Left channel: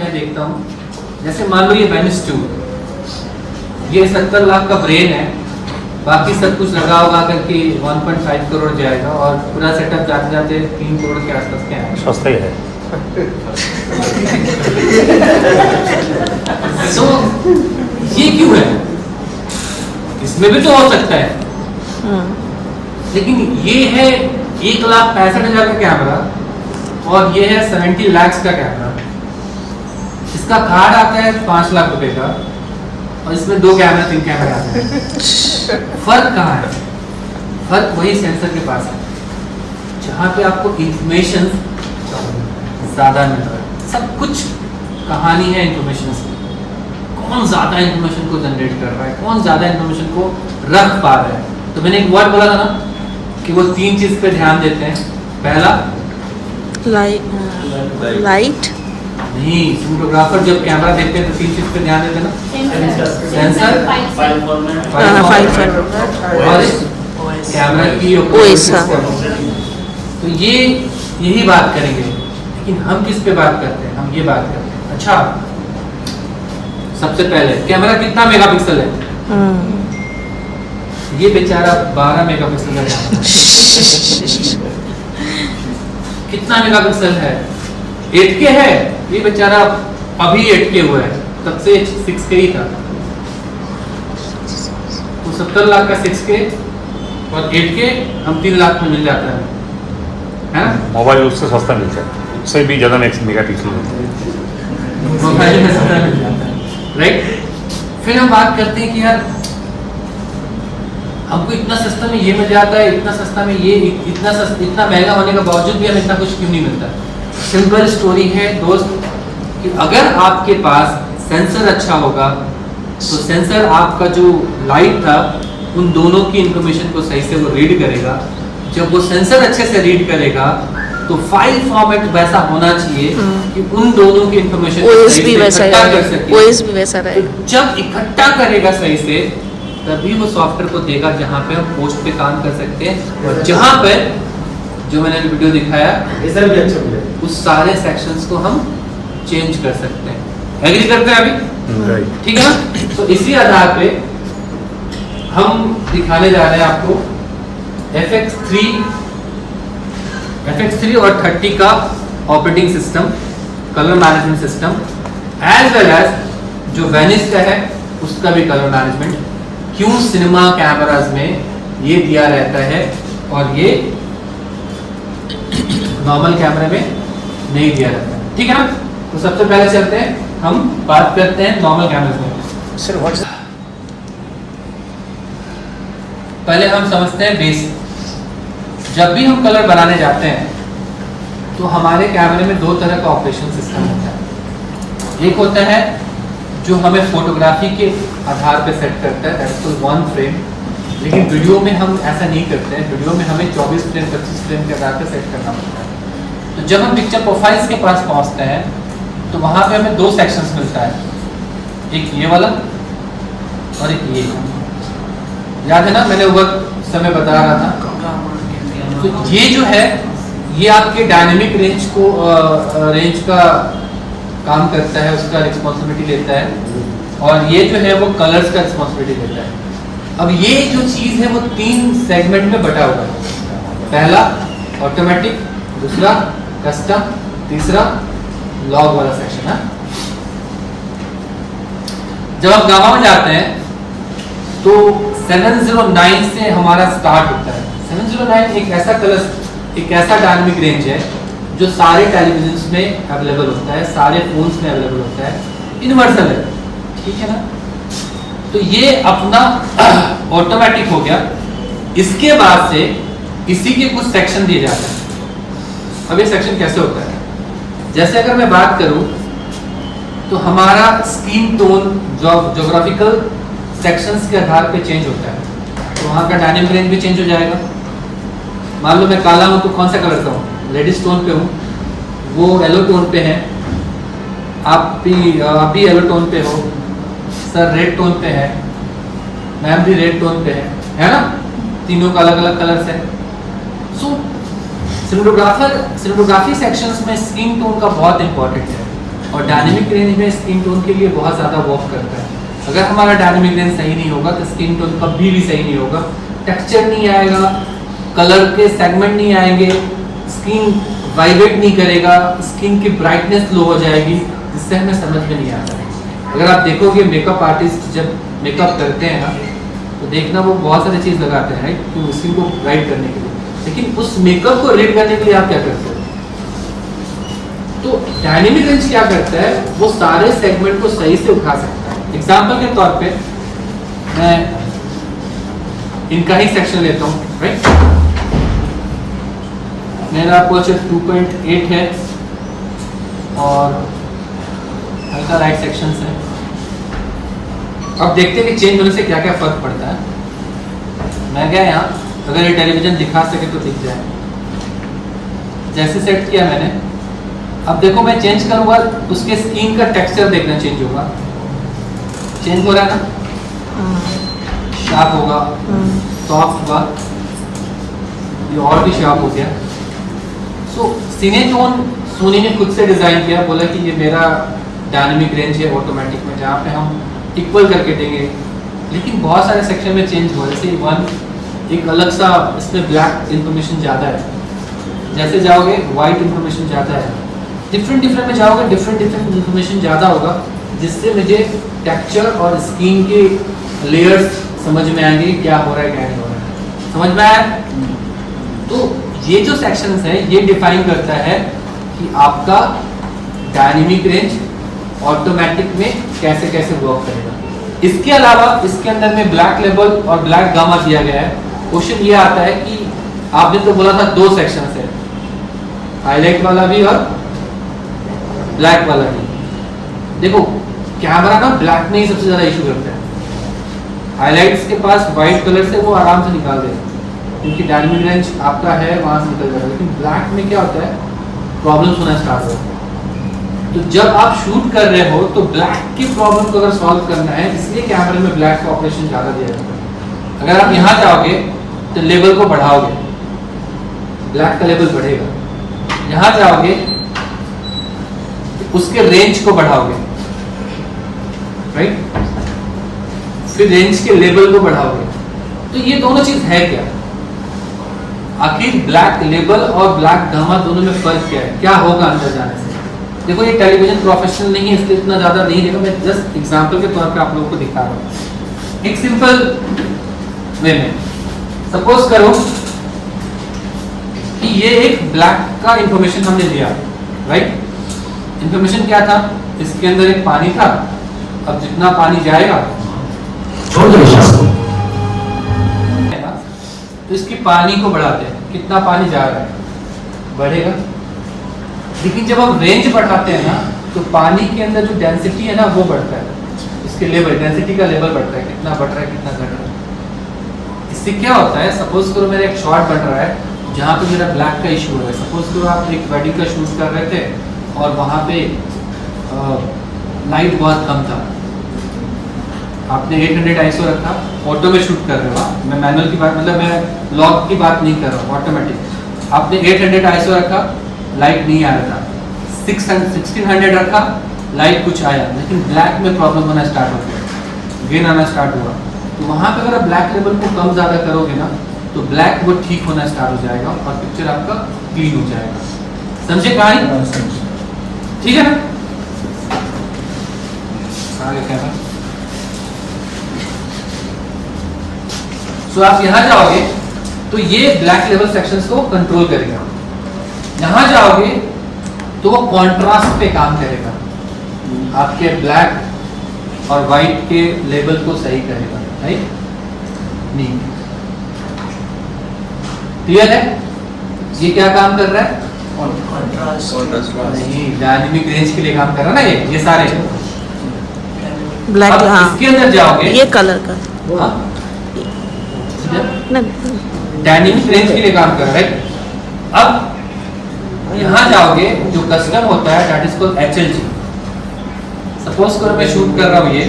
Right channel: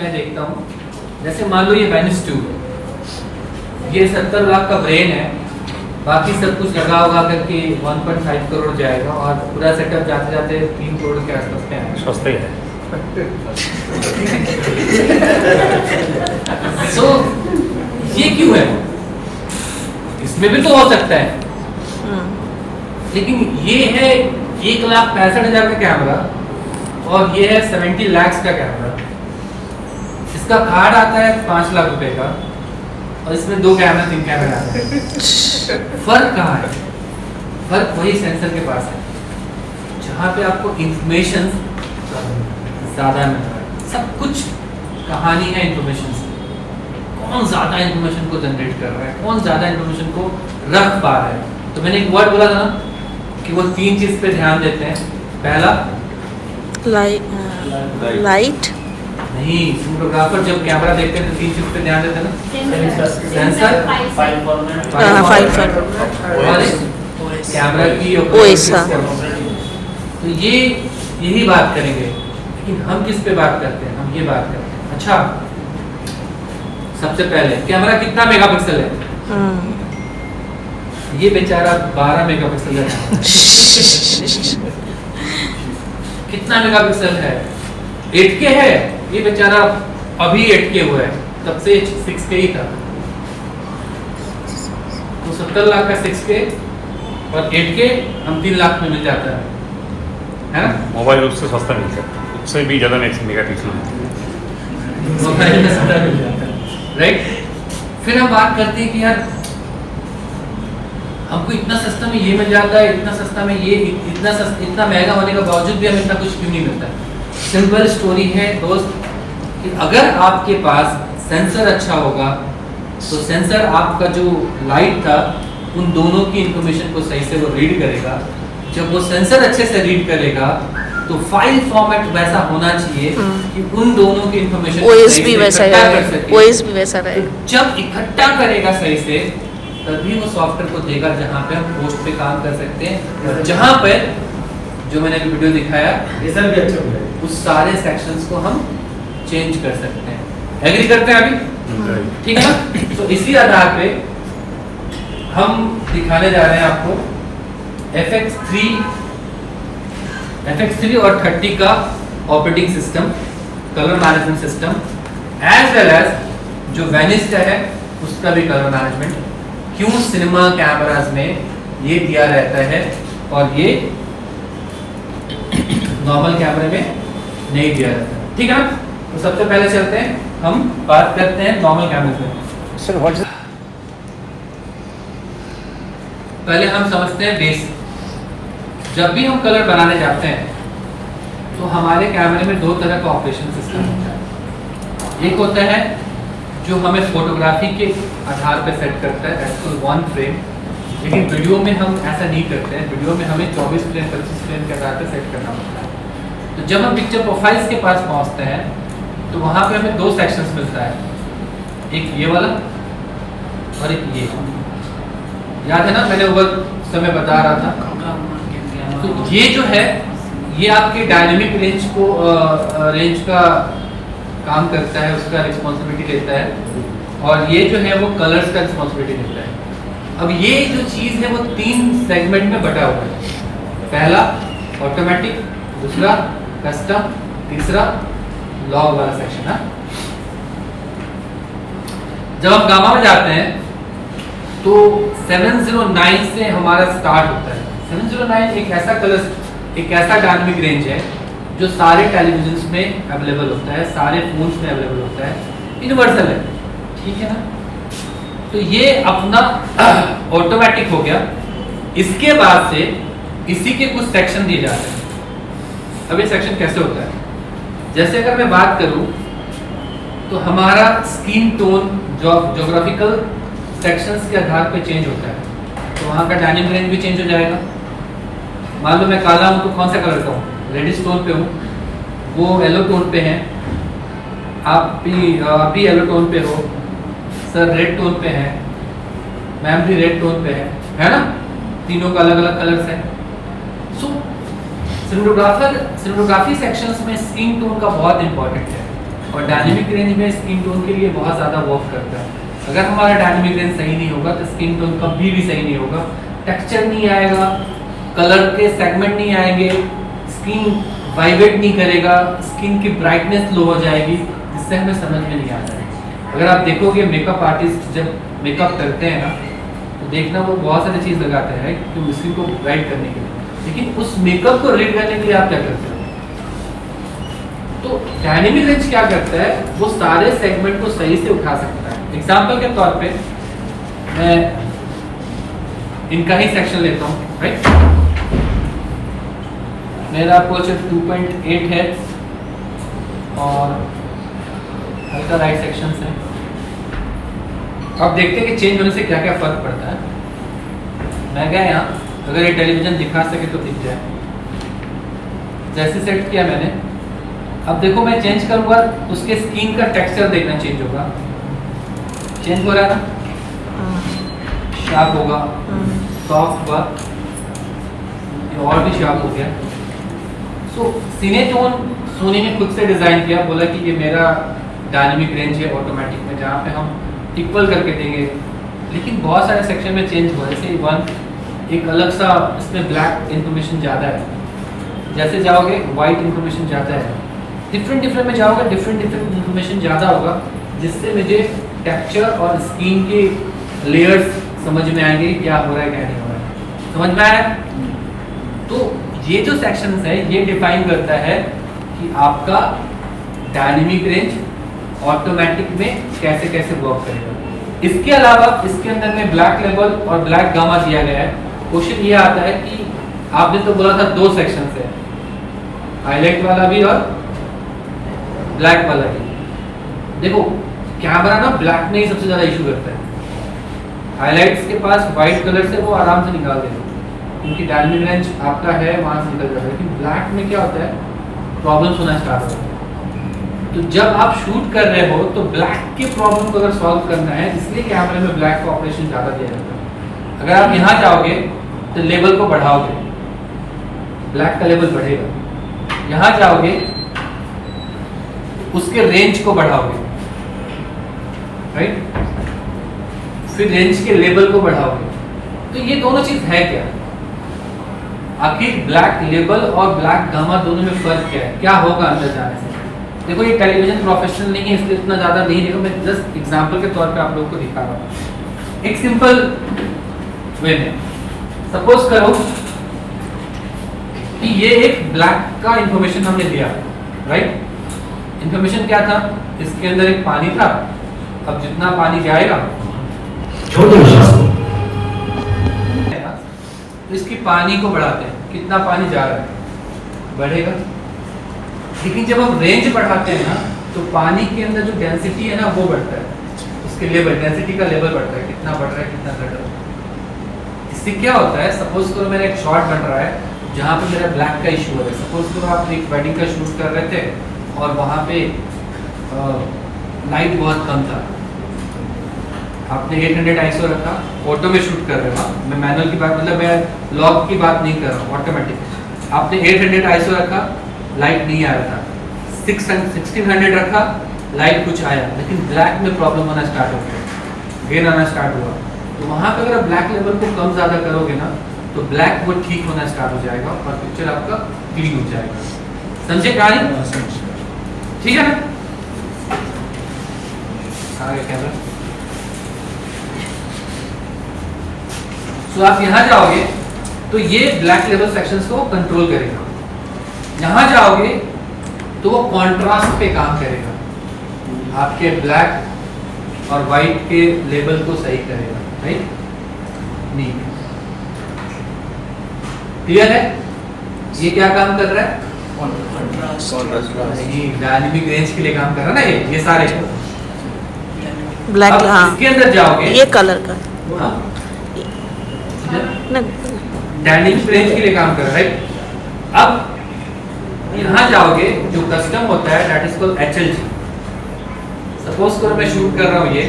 मैं देखता हूँ, जैसे मान लो ये वेनिस ट्यूब, ये 70 लाख का ब्रेन है, बाकी सब कुछ लगा होगा करके 1.5 करोड़ जाएगा और पूरा सेटअप जाते जाते 3 करोड़ के आसपास क्या है, सस्ता ही है। तो ये क्यों है? इसमें भी तो हो सकता है, लेकिन ये है 1,65,000 का कैमरा और ये है 70 लाख का कैमरा। इसका कार्ड आता है 5 लाख रुपए का और इसमें 2 कैमरा 3 कैमरा आते हैं। फर्क कहाँ है? फर्क वही सेंसर के पास है, जहाँ पे आपको इंफॉर्मेशन ज्यादा मिल रहा है। सब कुछ कहानी है इंफॉर्मेशन की, कौन ज्यादा इंफॉर्मेशन को जनरेट कर रहा है, कौन ज्यादा इंफॉर्मेशन को रख पा रहा है। तो मैंने एक वर्ड बोला था ना कि वो 3 चीज पे ध्यान देते हैं। पहला लाइट नहीं, फोटोग्राफर जब कैमरा देखते हैं तो 3 चीज पे ध्यान देते हैं ना, सेंसर, फाइल और कैमरा की तो ये यही बात करेंगे। लेकिन हम किस पे बात करते हैं? हम ये बात करते हैं, अच्छा सबसे पहले कैमरा कितना मेगापिक्सल है? ये बेचारा 12 मेगापिक्सल का कैमरा कितना मेगापिक्सल है? 8K है। ये बेचारा अभी 8K हुआ है, तब से 6K ही था। तो 70 लाख का 6K और 8K हम 3 लाख में मिल जाता है ना? मोबाइल उससे सस्ता मिलता है, उससे भी ज़्यादा मेगापिक्सल मोबाइल में सस्ता मिल जाता है, राइट? फिर हम बात करते हैं कि यार हमको इतना सस्ता में ये मिल जाता है, इतना सस्ता में ये, इतना महंगा होने के बावजूद भी हमें इतना कुछ क्यों नहीं मिलता? सिंपल स्टोरी है दोस्त कि अगर आपके पास सेंसर अच्छा होगा तो सेंसर आपका जो लाइट था उन दोनों की इंफॉर्मेशन को सही से वो रीड करेगा। जब वो सेंसर अच्छे से रीड करेगा तो फाइल फॉर्मेट वैसा होना चाहिए कि उन दोनों की इंफॉर्मेशन ओएस भी वैसा रहेगा। तो जब इकट्ठा करेगा सही से तभी वो सॉफ्टवेयर को देगा जहाँ पे हम पोस्ट पे काम कर सकते हैं और जहाँ पे जो मैंने वीडियो दिखाया रिजल्ट भी अच्छा मिलेगा, उस सारे सेक्शंस को हम चेंज कर सकते हैं। एग्री करते हैं अभी? ठीक है ना? तो इसी आधार पे हम दिखाने जा रहे हैं आपको FX3 और 30 का operating system, colour management system, as well as जो वेनिस का है उसका भी कलर मैनेजमेंट। क्यों सिनेमा कैमरास में ये दिया रहता है और ये नॉर्मल कैमरे में नहीं दिया रहता, ठीक है ना? तो सबसे पहले चलते हैं, हम बात करते हैं नॉर्मल कैमरे में। पहले हम समझते हैं बेस। जब भी हम कलर बनाने जाते हैं तो हमारे कैमरे में 2 तरह का ऑपरेशन सिस्टम होता है। एक होता है जो हमें फोटोग्राफी के आधार पे सेट करता है, दैट्स कॉल्ड 1 फ्रेम। लेकिन वीडियो में हम ऐसा नहीं करते हैं, वीडियो में हमें 24 फ्रेम 25 फ्रेम के आधार पे सेट करना पड़ता है। तो जब हम पिक्चर प्रोफाइल्स के पास पहुंचते हैं तो वहाँ पे हमें 2 सेक्शंस मिलता है, एक ये वाला और एक ये। याद है ना, मैंने वो समय बता रहा था। तो ये जो है ये आपके डायनेमिक रेंज का काम करता है, उसका रिस्पॉन्सिबिलिटी लेता है और ये जो है वो कलर्स का रिस्पॉन्सिबिलिटी लेता है। अब ये जो चीज़ है वो 3 सेगमेंट में बटा हुआ है। पहला ऑटोमेटिक, दूसरा कस्टम, तीसरा लॉग वाला सेक्शन है। जब आप गामा में जाते हैं तो 709 से हमारा स्टार्ट होता है। 709 एक ऐसा डायनेमिक रेंज है जो सारे टेलीविजन्स में अवेलेबल होता है, सारे फोन्स में अवेलेबल होता है, यूनिवर्सल है, ठीक है ना? तो ये अपना ऑटोमेटिक हो गया। इसके बाद से इसी के कुछ सेक्शन दिए जाते हैं। अब ये सेक्शन कैसे होता है? जैसे अगर मैं बात करूं तो हमारा स्किन टोन ज्योग्राफिकल सेक्शंस के आधार पे चेंज होता है, तो वहाँ का डायनेमिक रेंज भी चेंज हो जाएगा। मान लो मैं काला हूँ तो कौन सा कलर का हूँ? रेडिश टोन पे हूँ, वो येलो टोन पे है, आप भी येलो टोन पे हो, सर रेड टोन पे है, मैम भी रेड टोन पे है ना? तीनों का अलग अलग कलर्स है। सिनेमेटोग्राफी सेक्शंस में स्किन टोन का बहुत इंपॉर्टेंट है। और डायनेमिक रेंज में स्किन टोन के लिए बहुत ज़्यादा वर्क करता है। अगर हमारा डायनेमिक रेंज सही नहीं होगा तो स्किन टोन कभी भी सही नहीं होगा, टेक्सचर नहीं आएगा, कलर के सेगमेंट नहीं आएंगे, स्किन वाइब्रेट नहीं करेगा, स्किन की ब्राइटनेस लो हो जाएगी, जिससे हमें समझ में नहीं आता है। अगर आप देखोगे मेकअप आर्टिस्ट जब मेकअप करते हैं ना, तो देखना वो बहुत सारी चीज़ लगाते हैं राइट, तो स्किन को ब्राइट करने के लिए, लेकिन उस मेकअप को रीड करने के लिए आप क्या करते हो? तो डायनेमिक रेंज क्या करता है, वो सारे सेगमेंट को सही से उठा सकता है। एग्जाम्पल के तौर पे मैं इनका ही सेक्शन लेता हूँ राइट, मेरा अपर्चर 2.8 है और हल्का राइट सेक्शन है। अब देखते हैं कि चेंज होने से क्या क्या फर्क पड़ता है। मैं क्या यहाँ अगर ये टेलीविजन दिखा सके तो दिख जाए, जैसे सेट किया मैंने, अब देखो मैं चेंज करूंगा उसके स्किन का टेक्सचर देखना चेंज होगा, चेंज हो रहा है ना, शार्प होगा, सॉफ्ट होगा, ये और भी शार्प हो गया। सो सिनेटोन सोनी ने खुद से डिजाइन किया, बोला कि ये मेरा डायनेमिक रेंज है ऑटोमेटिक में, जहाँ पे हम इक्वल करके देंगे, लेकिन बहुत सारे सेक्शन में चेंज हुआ। जैसे वन एक अलग सा इसमें ब्लैक इंफॉर्मेशन ज़्यादा है, जैसे जाओगे वाइट इंफॉर्मेशन ज़्यादा है, डिफरेंट में जाओगे डिफरेंट इंफॉर्मेशन ज़्यादा होगा, जिससे मुझे टेक्सचर और स्किन के लेयर्स समझ में आएंगे क्या हो रहा है क्या नहीं हो रहा है। समझ में आया? तो ये जो सेक्शंस है ये डिफाइन करता है कि आपका डायनेमिक रेंज ऑटोमेटिक में कैसे कैसे वर्क करेगा। इसके अलावा इसके अंदर में ब्लैक लेवल और ब्लैक गामा दिया गया है। क्वेश्चन ये आता है कि आपने तो बोला था दो सेक्शंस है, हाईलाइट वाला भी और ब्लैक वाला भी। देखो कैमरा ना ब्लैक में ही सबसे ज्यादा इशू करता है, हाईलाइट्स के पास व्हाइट कलर से वो आराम से निकाल देते हैं, क्योंकि डायनेमिक रेंज आपका है वहां से निकल जाएगा, लेकिन ब्लैक में क्या होता है प्रॉब्लम्स होना स्टार्ट होता है। तो जब आप शूट कर रहे हो तो ब्लैक की प्रॉब्लम को अगर सॉल्व करना है, इसलिए कैमरे में ब्लैक का ऑपरेशन ज़्यादा दिया जाता है। अगर आप यहाँ जाओगे तो लेवल को बढ़ाओगे, ब्लैक का लेवल बढ़ेगा, यहाँ जाओगे तो उसके रेंज को बढ़ाओगे राइट, फिर रेंज के लेवल को बढ़ाओगे। तो ये दोनों चीज है क्या, आखिर ब्लैक लेवल और ब्लैक गामा दोनों में फर्क क्या है, क्या होगा अंदर जाने से। देखो ये टेलीविजन प्रोफेशनल नहीं है इसलिए इतना ज्यादा नहीं देखो, मैं जस्ट एग्जांपल के तौर पे आप लोगों को दिखा रहा हूँ एक सिंपल वे में। सपोज करो कि ये एक ब्लैक का इंफॉर्मेशन हमने दिया राइट, इंफॉर्मेशन क्या था, इसके अंदर एक पानी था, अब जितना पानी जाएगा तो इसकी पानी को बढ़ाते हैं, कितना पानी जा रहा है बढ़ेगा। लेकिन जब हम रेंज बढ़ाते हैं ना तो पानी के अंदर जो डेंसिटी है ना वो बढ़ता है, इसके लेवल डेंसिटी का लेवल बढ़ता है, कितना बढ़ रहा है कितना घट रहा है। इससे क्या होता है, सपोज करो मेरा एक शॉट बन रहा है जहाँ पे मेरा ब्लैक का इशू हो रहा है। सपोज करो आप एक वेडिंग का शूट कर रहे थे और वहाँ पे लाइट बहुत कम था, आपने 800 ISO रखा, ऑटो में शूट कर रहे हो, मैं मैनुअल की बात मतलब मैं लॉग की बात नहीं कर रहा हूँ, ऑटोमेटिक। आपने 800 ISO रखा, लाइट नहीं आ रहा था, 1600 रखा, लाइट कुछ आया, लेकिन ब्लैक में प्रॉब्लम होना स्टार्ट हो गया, गेन आना स्टार्ट हुआ। तो वहाँ पर अगर आप ब्लैक लेवल को कम ज़्यादा करोगे ना तो ब्लैक वो ठीक होना स्टार्ट हो जाएगा और पिक्चर आपका क्लीन हो जाएगा। समझे कहानी? ठीक है ना? आगे कैमरा। सो आप यहाँ जाओगे तो ये ब्लैक लेवल सेक्शंस को कंट्रोल करेगा, यहाँ जाओगे तो वो कॉन्ट्रास्ट पे काम करेगा, आपके ब्लैक और वाइट के लेवल को सही करेगा राइट। नहीं क्लियर है? ये क्या काम कर रहा है? डायनेमिक रेंज के लिए काम कर रहा है ना, ये सारे ब्लैक। हाँ इसके अंदर जाओगे ये कलर का डायनेमिक रेंज के लिए काम कर रहा है। अब यहाँ जाओगे जो कस्टम होता है that is called HLG। Suppose करो मैं शूट कर रहा हूँ ये,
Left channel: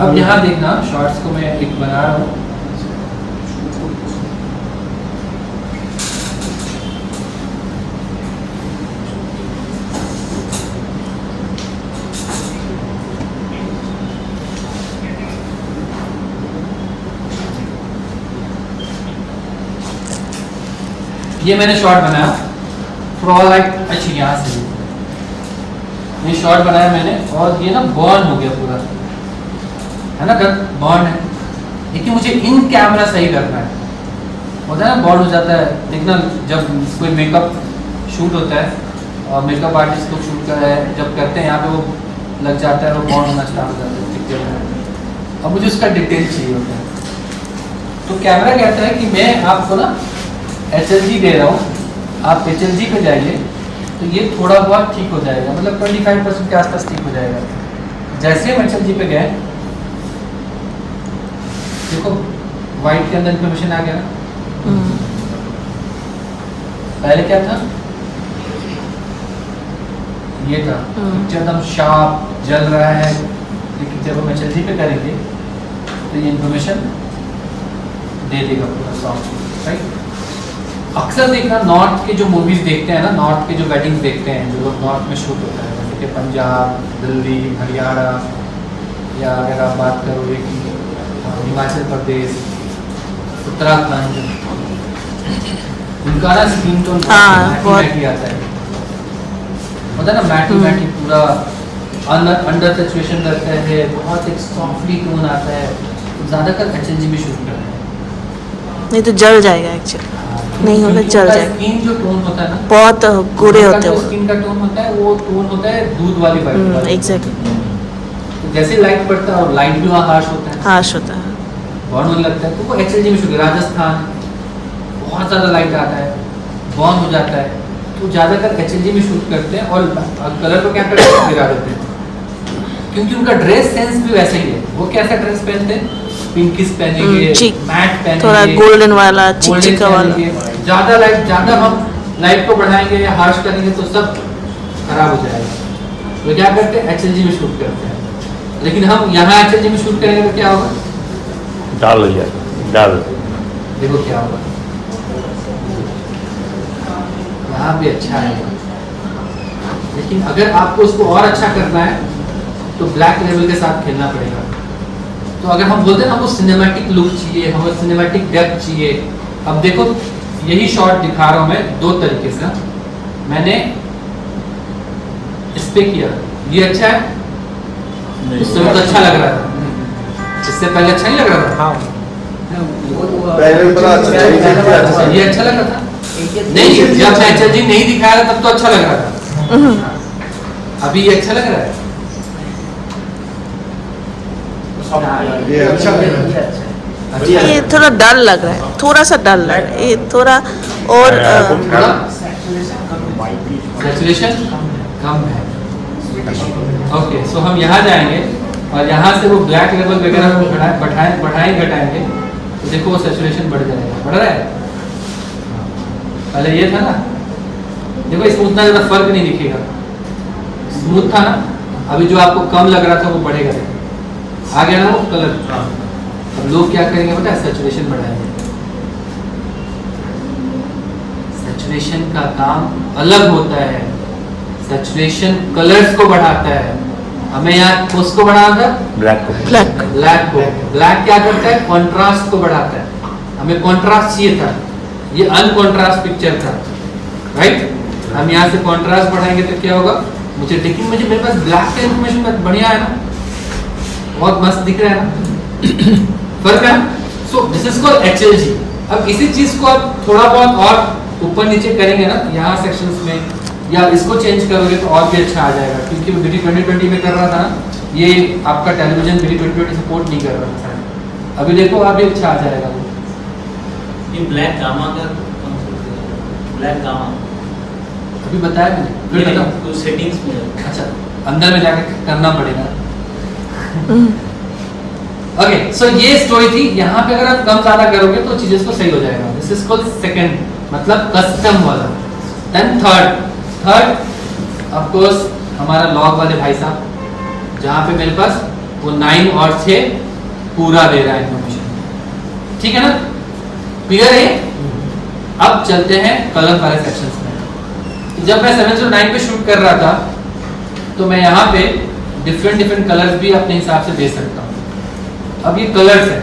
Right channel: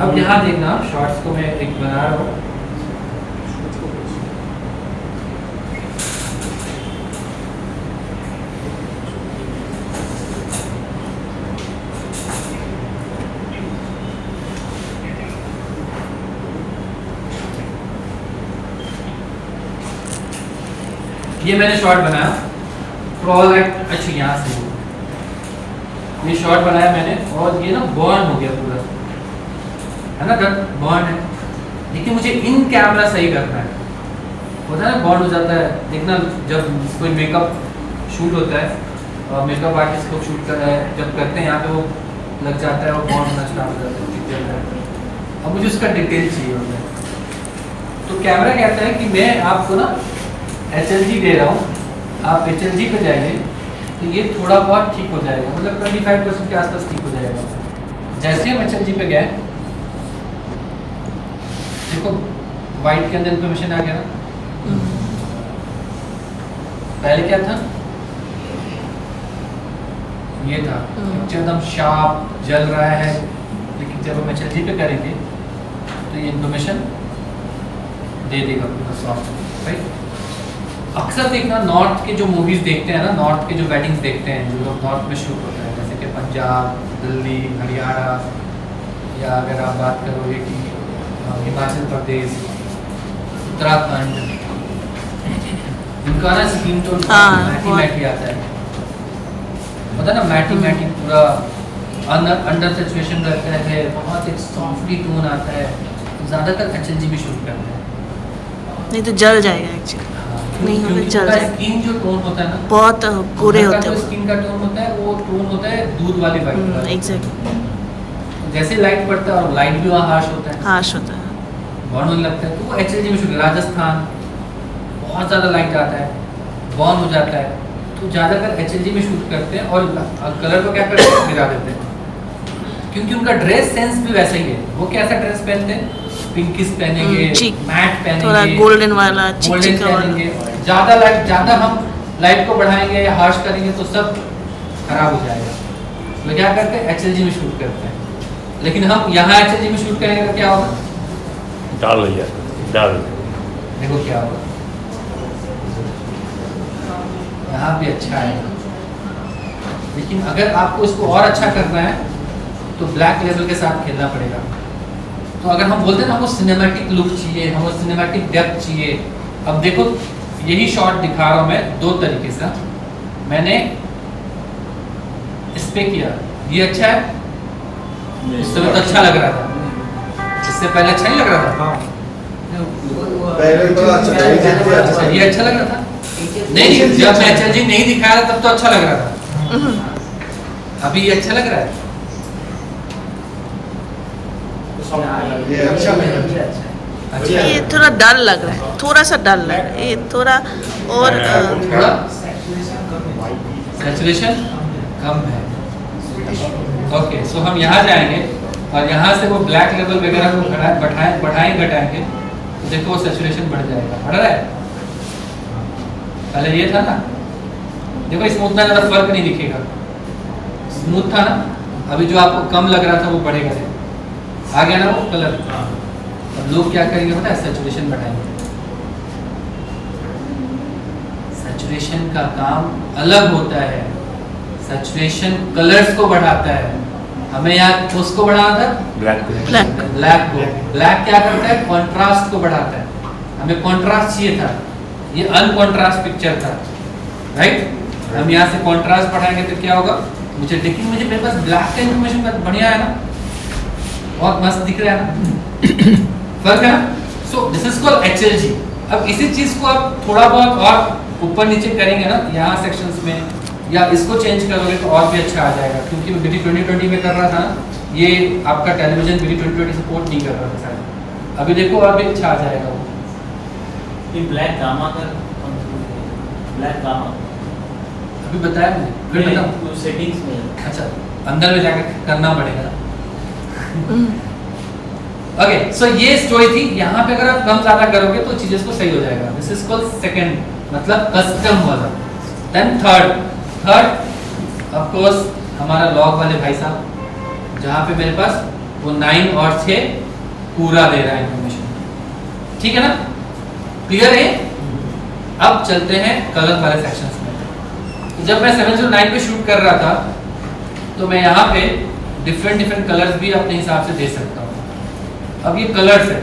अब यहाँ देखना शॉर्ट्स को मैं एक बना रहा हूँ, ये मैंने शॉट बनाया थोड़ा लाइक अच्छा यहाँ से ये शॉट बनाया मैंने और ये ना बॉर्न हो गया पूरा है ना बॉर्न है, लेकिन मुझे इन कैमरा सही करना है। होता है ना बॉर्न हो जाता है, देखना जब कोई मेकअप शूट होता है और मेकअप आर्टिस्ट को शूट कर रहे हैं जब करते हैं यहाँ पे वो लग जाता है, वो बॉर्न होना स्टार्ट हो जाता है। अब मुझे उसका डिटेल चाहिए होता है, तो कैमरा कहता है कि मैं आपको ना HLG दे रहा हूँ, आप HLG पे जाइए तो ये थोड़ा बहुत ठीक हो जाएगा, मतलब 25% के आसपास ठीक हो जाएगा। जैसे हम HLG पे गए देखो वाइट के अंदर इन्फॉर्मेशन आ गया ना, पहले क्या था ये था पिक्चर एकदम शार्प जल रहा है, लेकिन जब हम HLG पे करेंगे तो ये इन्फॉर्मेशन दे देगा पूरा सॉफ्ट, राइट। अक्सर देखना नॉर्थ के जो मूवीज देखते हैं ना, नॉर्थ के जो वेडिंग्स देखते हैं जो लोग नॉर्थ में शूट होता है, जैसे कि पंजाब, दिल्ली, हरियाणा, या अगर आप बात करो ये कि हिमाचल प्रदेश, उत्तराखंड, इनका ना स्किन टोन मैटी आता है, पता है ना मैटी पूरा अंडर सिचुएशन रहता है, बहुत एक सॉफ्टली टोन आता है, तो ज़्यादातर HLG भी शूट करते हैं, नहीं तो जल जाएगा एक्चुअली, नहीं होगा जल जाएगा। स्किन जो टोन होता है ना बहुत गोरे होते हैं, स्किन का टोन होता है वो टोन होता है दूध वाली वाइट, एग्जैक्टली। तो जैसे लाइट पड़ता है और लाइट भी वहाँ हार्श होता है, हार्श होता है, बॉर्न होने लगता है, तो वो HLG में शूट। राजस्थान बहुत ज़्यादा लाइट आता है, बॉर्न हो जाता है, तो ज़्यादातर HLG में शूट करते हैं और कलर को क्या करते हैं गिरा देते हैं, क्योंकि उनका ड्रेस सेंस भी वैसा ही है। वो कैसा ड्रेस पहनते हैं, पिंकिश पहनेंगे, मैट पहनेंगे, थोड़ा गोल्डन वाला, चिकचिका वाला। ज़्यादा लाइट, ज़्यादा हम लाइट को बढ़ाएंगे या हार्श करेंगे तो सब खराब हो जाएगा, तो क्या करते हैं HLG में शूट करते हैं। लेकिन हम यहाँ HLG में शूट करेंगे तो क्या होगा, डाल देखो क्या होगा, यहाँ भी अच्छा है, लेकिन अगर आपको उसको और अच्छा करना है तो ब्लैक लेवल के साथ खेलना पड़ेगा। तो अगर हम बोलते हैं ना हमको सिनेमैटिक लुक चाहिए, हमको सिनेमैटिक डेप्थ चाहिए, अब देखो यही शॉट दिखा रहा हूँ मैं दो तरीके से। मैंने इस पे किया, ये अच्छा है, उस समय तो अच्छा लग रहा था, इससे पहले अच्छा नहीं लग रहा था, अच्छा ये अच्छा लग रहा था नहीं, जब HLG नहीं दिखाया था तब तो अच्छा लग रहा था, अभी ये अच्छा लग रहा है, ये अच्छा लग रहा है, ये थोड़ा डल लग रहा है, थोड़ा सा डल लग रहा है, ये थोड़ा और थोड़ा सैचुरेशन कम है। ओके, सो हम यहाँ जाएंगे और यहाँ से वो ब्लैक लेवल वगैरह को बढ़ाएं घटाएंगे तो देखो वो सैचुरेशन बढ़ जाएगा, बढ़ रहा है। पहले ये था ना, देखो इसमें उतना ज़्यादा फर्क नहीं दिखेगा, स्मूथ था ना, अभी जो आपको कम लग रहा था वो बढ़ेगा, आ गया ना वो कलर। अब लोग क्या करेंगे पता है, सैचुरेशन बढ़ाएंगे। सैचुरेशन का काम अलग होता है, सैचुरेशन कलर्स को बढ़ाता है। हमें यहाँ उसको बढ़ाना था ब्लैक ब्लैक को, ब्लैक क्या करता है, कंट्रास्ट को बढ़ाता है। हमें कंट्रास्ट चाहिए था, ये अनकंट्रास्ट पिक्चर था, राइट। हम यहाँ से कंट्रास्ट बढ़ाएंगे तो क्या होगा, मुझे लेकिन मुझे मेरे पास ब्लैक का इन्फॉर्मेशन बढ़िया है ना, बहुत मस्त दिख रहा है ना, फर्क है। So this is called HLG। अब इसी चीज को आप थोड़ा बहुत और ऊपर नीचे करेंगे ना यहाँ सेक्शंस में, या इसको चेंज करोगे तो और भी अच्छा आ जाएगा, क्योंकि BT 2020 में कर रहा था ना, ये आपका टेलीविजन BT 2020 सपोर्ट नहीं कर रहा था, अभी देखो अभी अच्छा आ जाएगा वो। ये ब्लैक गामा का ब्लैक गामा अभी बताया मैंने, फिर बताऊं? कुछ सेटिंग्स में अच्छा अंदर में जाकर करना पड़ेगा। ओके, सो ये स्टोरी थी। यहाँ पे अगर आप कम ज्यादा करोगे तो चीजें को सही हो जाएगा। दिस इज कॉल्ड सेकंड, मतलब कस्टम वाला। देन थर्ड ऑफ कोर्स हमारा लॉग वाले भाई साहब, जहाँ पे मेरे पास वो 9 और 6 पूरा दे रहा है इन्फॉर्मेशन, ठीक है ना, क्लियर है। अब चलते हैं कलर वाले सेक्शंस में। जब मैं 709 पे शूट कर रहा था तो मैं यहाँ पे डिफरेंट कलर्स भी अपने हिसाब से दे सकता हूँ। अब ये कलर्स है,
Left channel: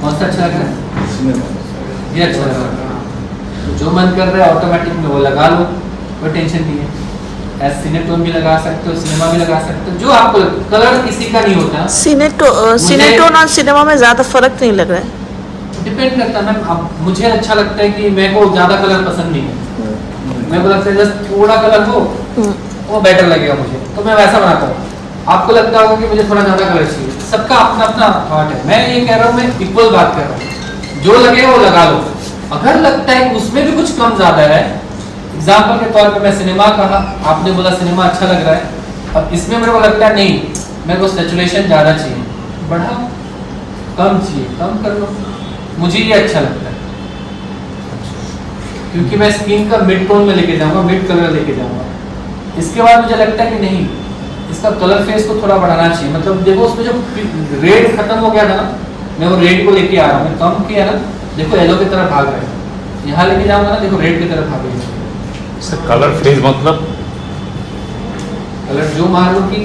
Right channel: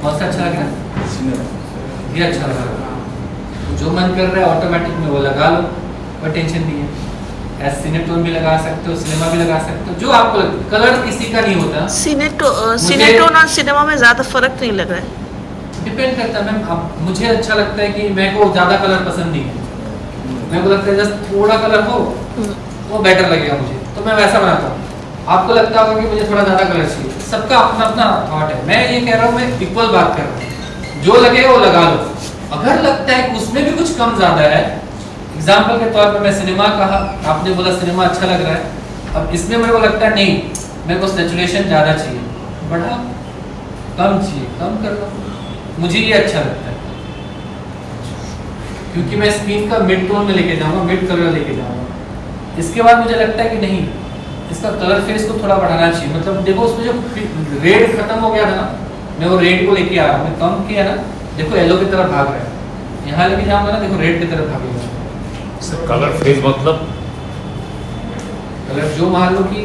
कौन सा अच्छा लग रहा है? ये अच्छा लग रहा है। तो जो मन कर रहा है ऑटोमेटिक में वो लगा लो, कोई टेंशन नहीं है। ऐसे सिनेटोन भी लगा सकते हो, सिनेमा भी लगा सकते हो, जो आपको कलर किसी का नहीं होता। सिनेटोन और सिनेमा में ज्यादा फर्क नहीं लग रहा है। डिपेंड करता है मैम। अब मुझे अच्छा लगता है कि मेरे को ज़्यादा कलर पसंद नहीं है, मेरे को लगता है जस्ट थोड़ा कलर हो वो बेटर लगेगा मुझे, तो मैं वैसा बनाता हूँ। आपको लगता होगा कि मुझे थोड़ा ज़्यादा कलर चाहिए, सबका अपना अपना थॉट है। मैं ये कह रहा हूँ, मैं इक्वल बात कर रहा हूँ, जो लगे वो लगा लो। अगर लगता है कि उसमें भी कुछ कम ज़्यादा है, एग्जाम्पल के तौर पर मैं सिनेमा कहा, आपने बोला सिनेमा अच्छा लग रहा है, अब इसमें मेरे को लगता है नहीं, मेरे को सैचुरेशन ज़्यादा चाहिए, बढ़ाओ। कम चाहिए कम कर लो, मुझे ये अच्छा लगता है क्योंकि मैं स्किन का मिड टोन में लेके जाऊंगा, मिड कलर लेके जाऊंगा। इसके बाद मुझे लगता है कि नहीं, इसका कलर फेस को थोड़ा बढ़ाना चाहिए। मतलब देखो उसमें जो रेड खत्म हो गया था ना, मैं वो रेड को लेके आ रहा हूँ, मैं कम किया ना, देखो येलो की तरफ भाग रहा है, यहाँ लेके जाऊंगा ना, देखो रेड की तरफ भागेगा। सर कलर फेज मतलब कलर जो मान लो कि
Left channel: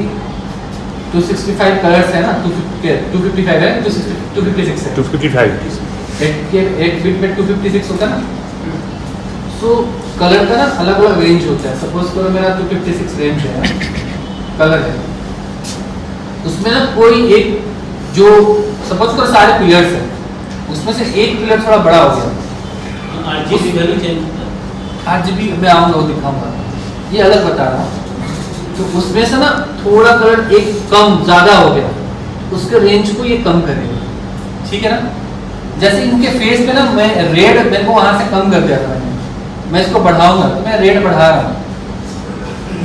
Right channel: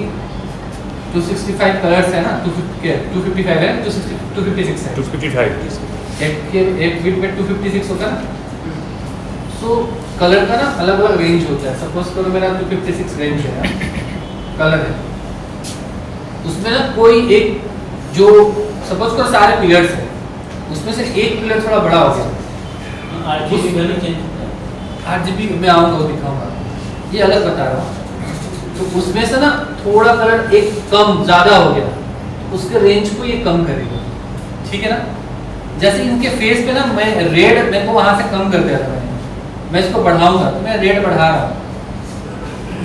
265 कलर्स है ना, 255 है, 256 है, 255 एक बीट में 256 होता है ना। सो कलर का ना अलग अलग रेंज होता है। सपोज करो मेरा 256 रेंज है ना, कलर है, उसमें ना कोई एक जो सपोज करो सारे पिलर्स है, उसमें से एक पिलर थोड़ा बड़ा हो गया, RGB वैल्यू चेंज RGB मैं आऊँगा वो दिखाऊंगा, ये अलग बता रहा हूँ। तो उसमें से ना थोड़ा कलर एक कम ज़्यादा हो गया, उसके रेंज को ये कम करेगा, ठीक है ना। जैसे इनके फेस पे ना मैं रेड मेरे को वहाँ से कम कर दिया था, मैं इसको बढ़ाऊंगा तो मैं रेड बढ़ा रहा हूँ,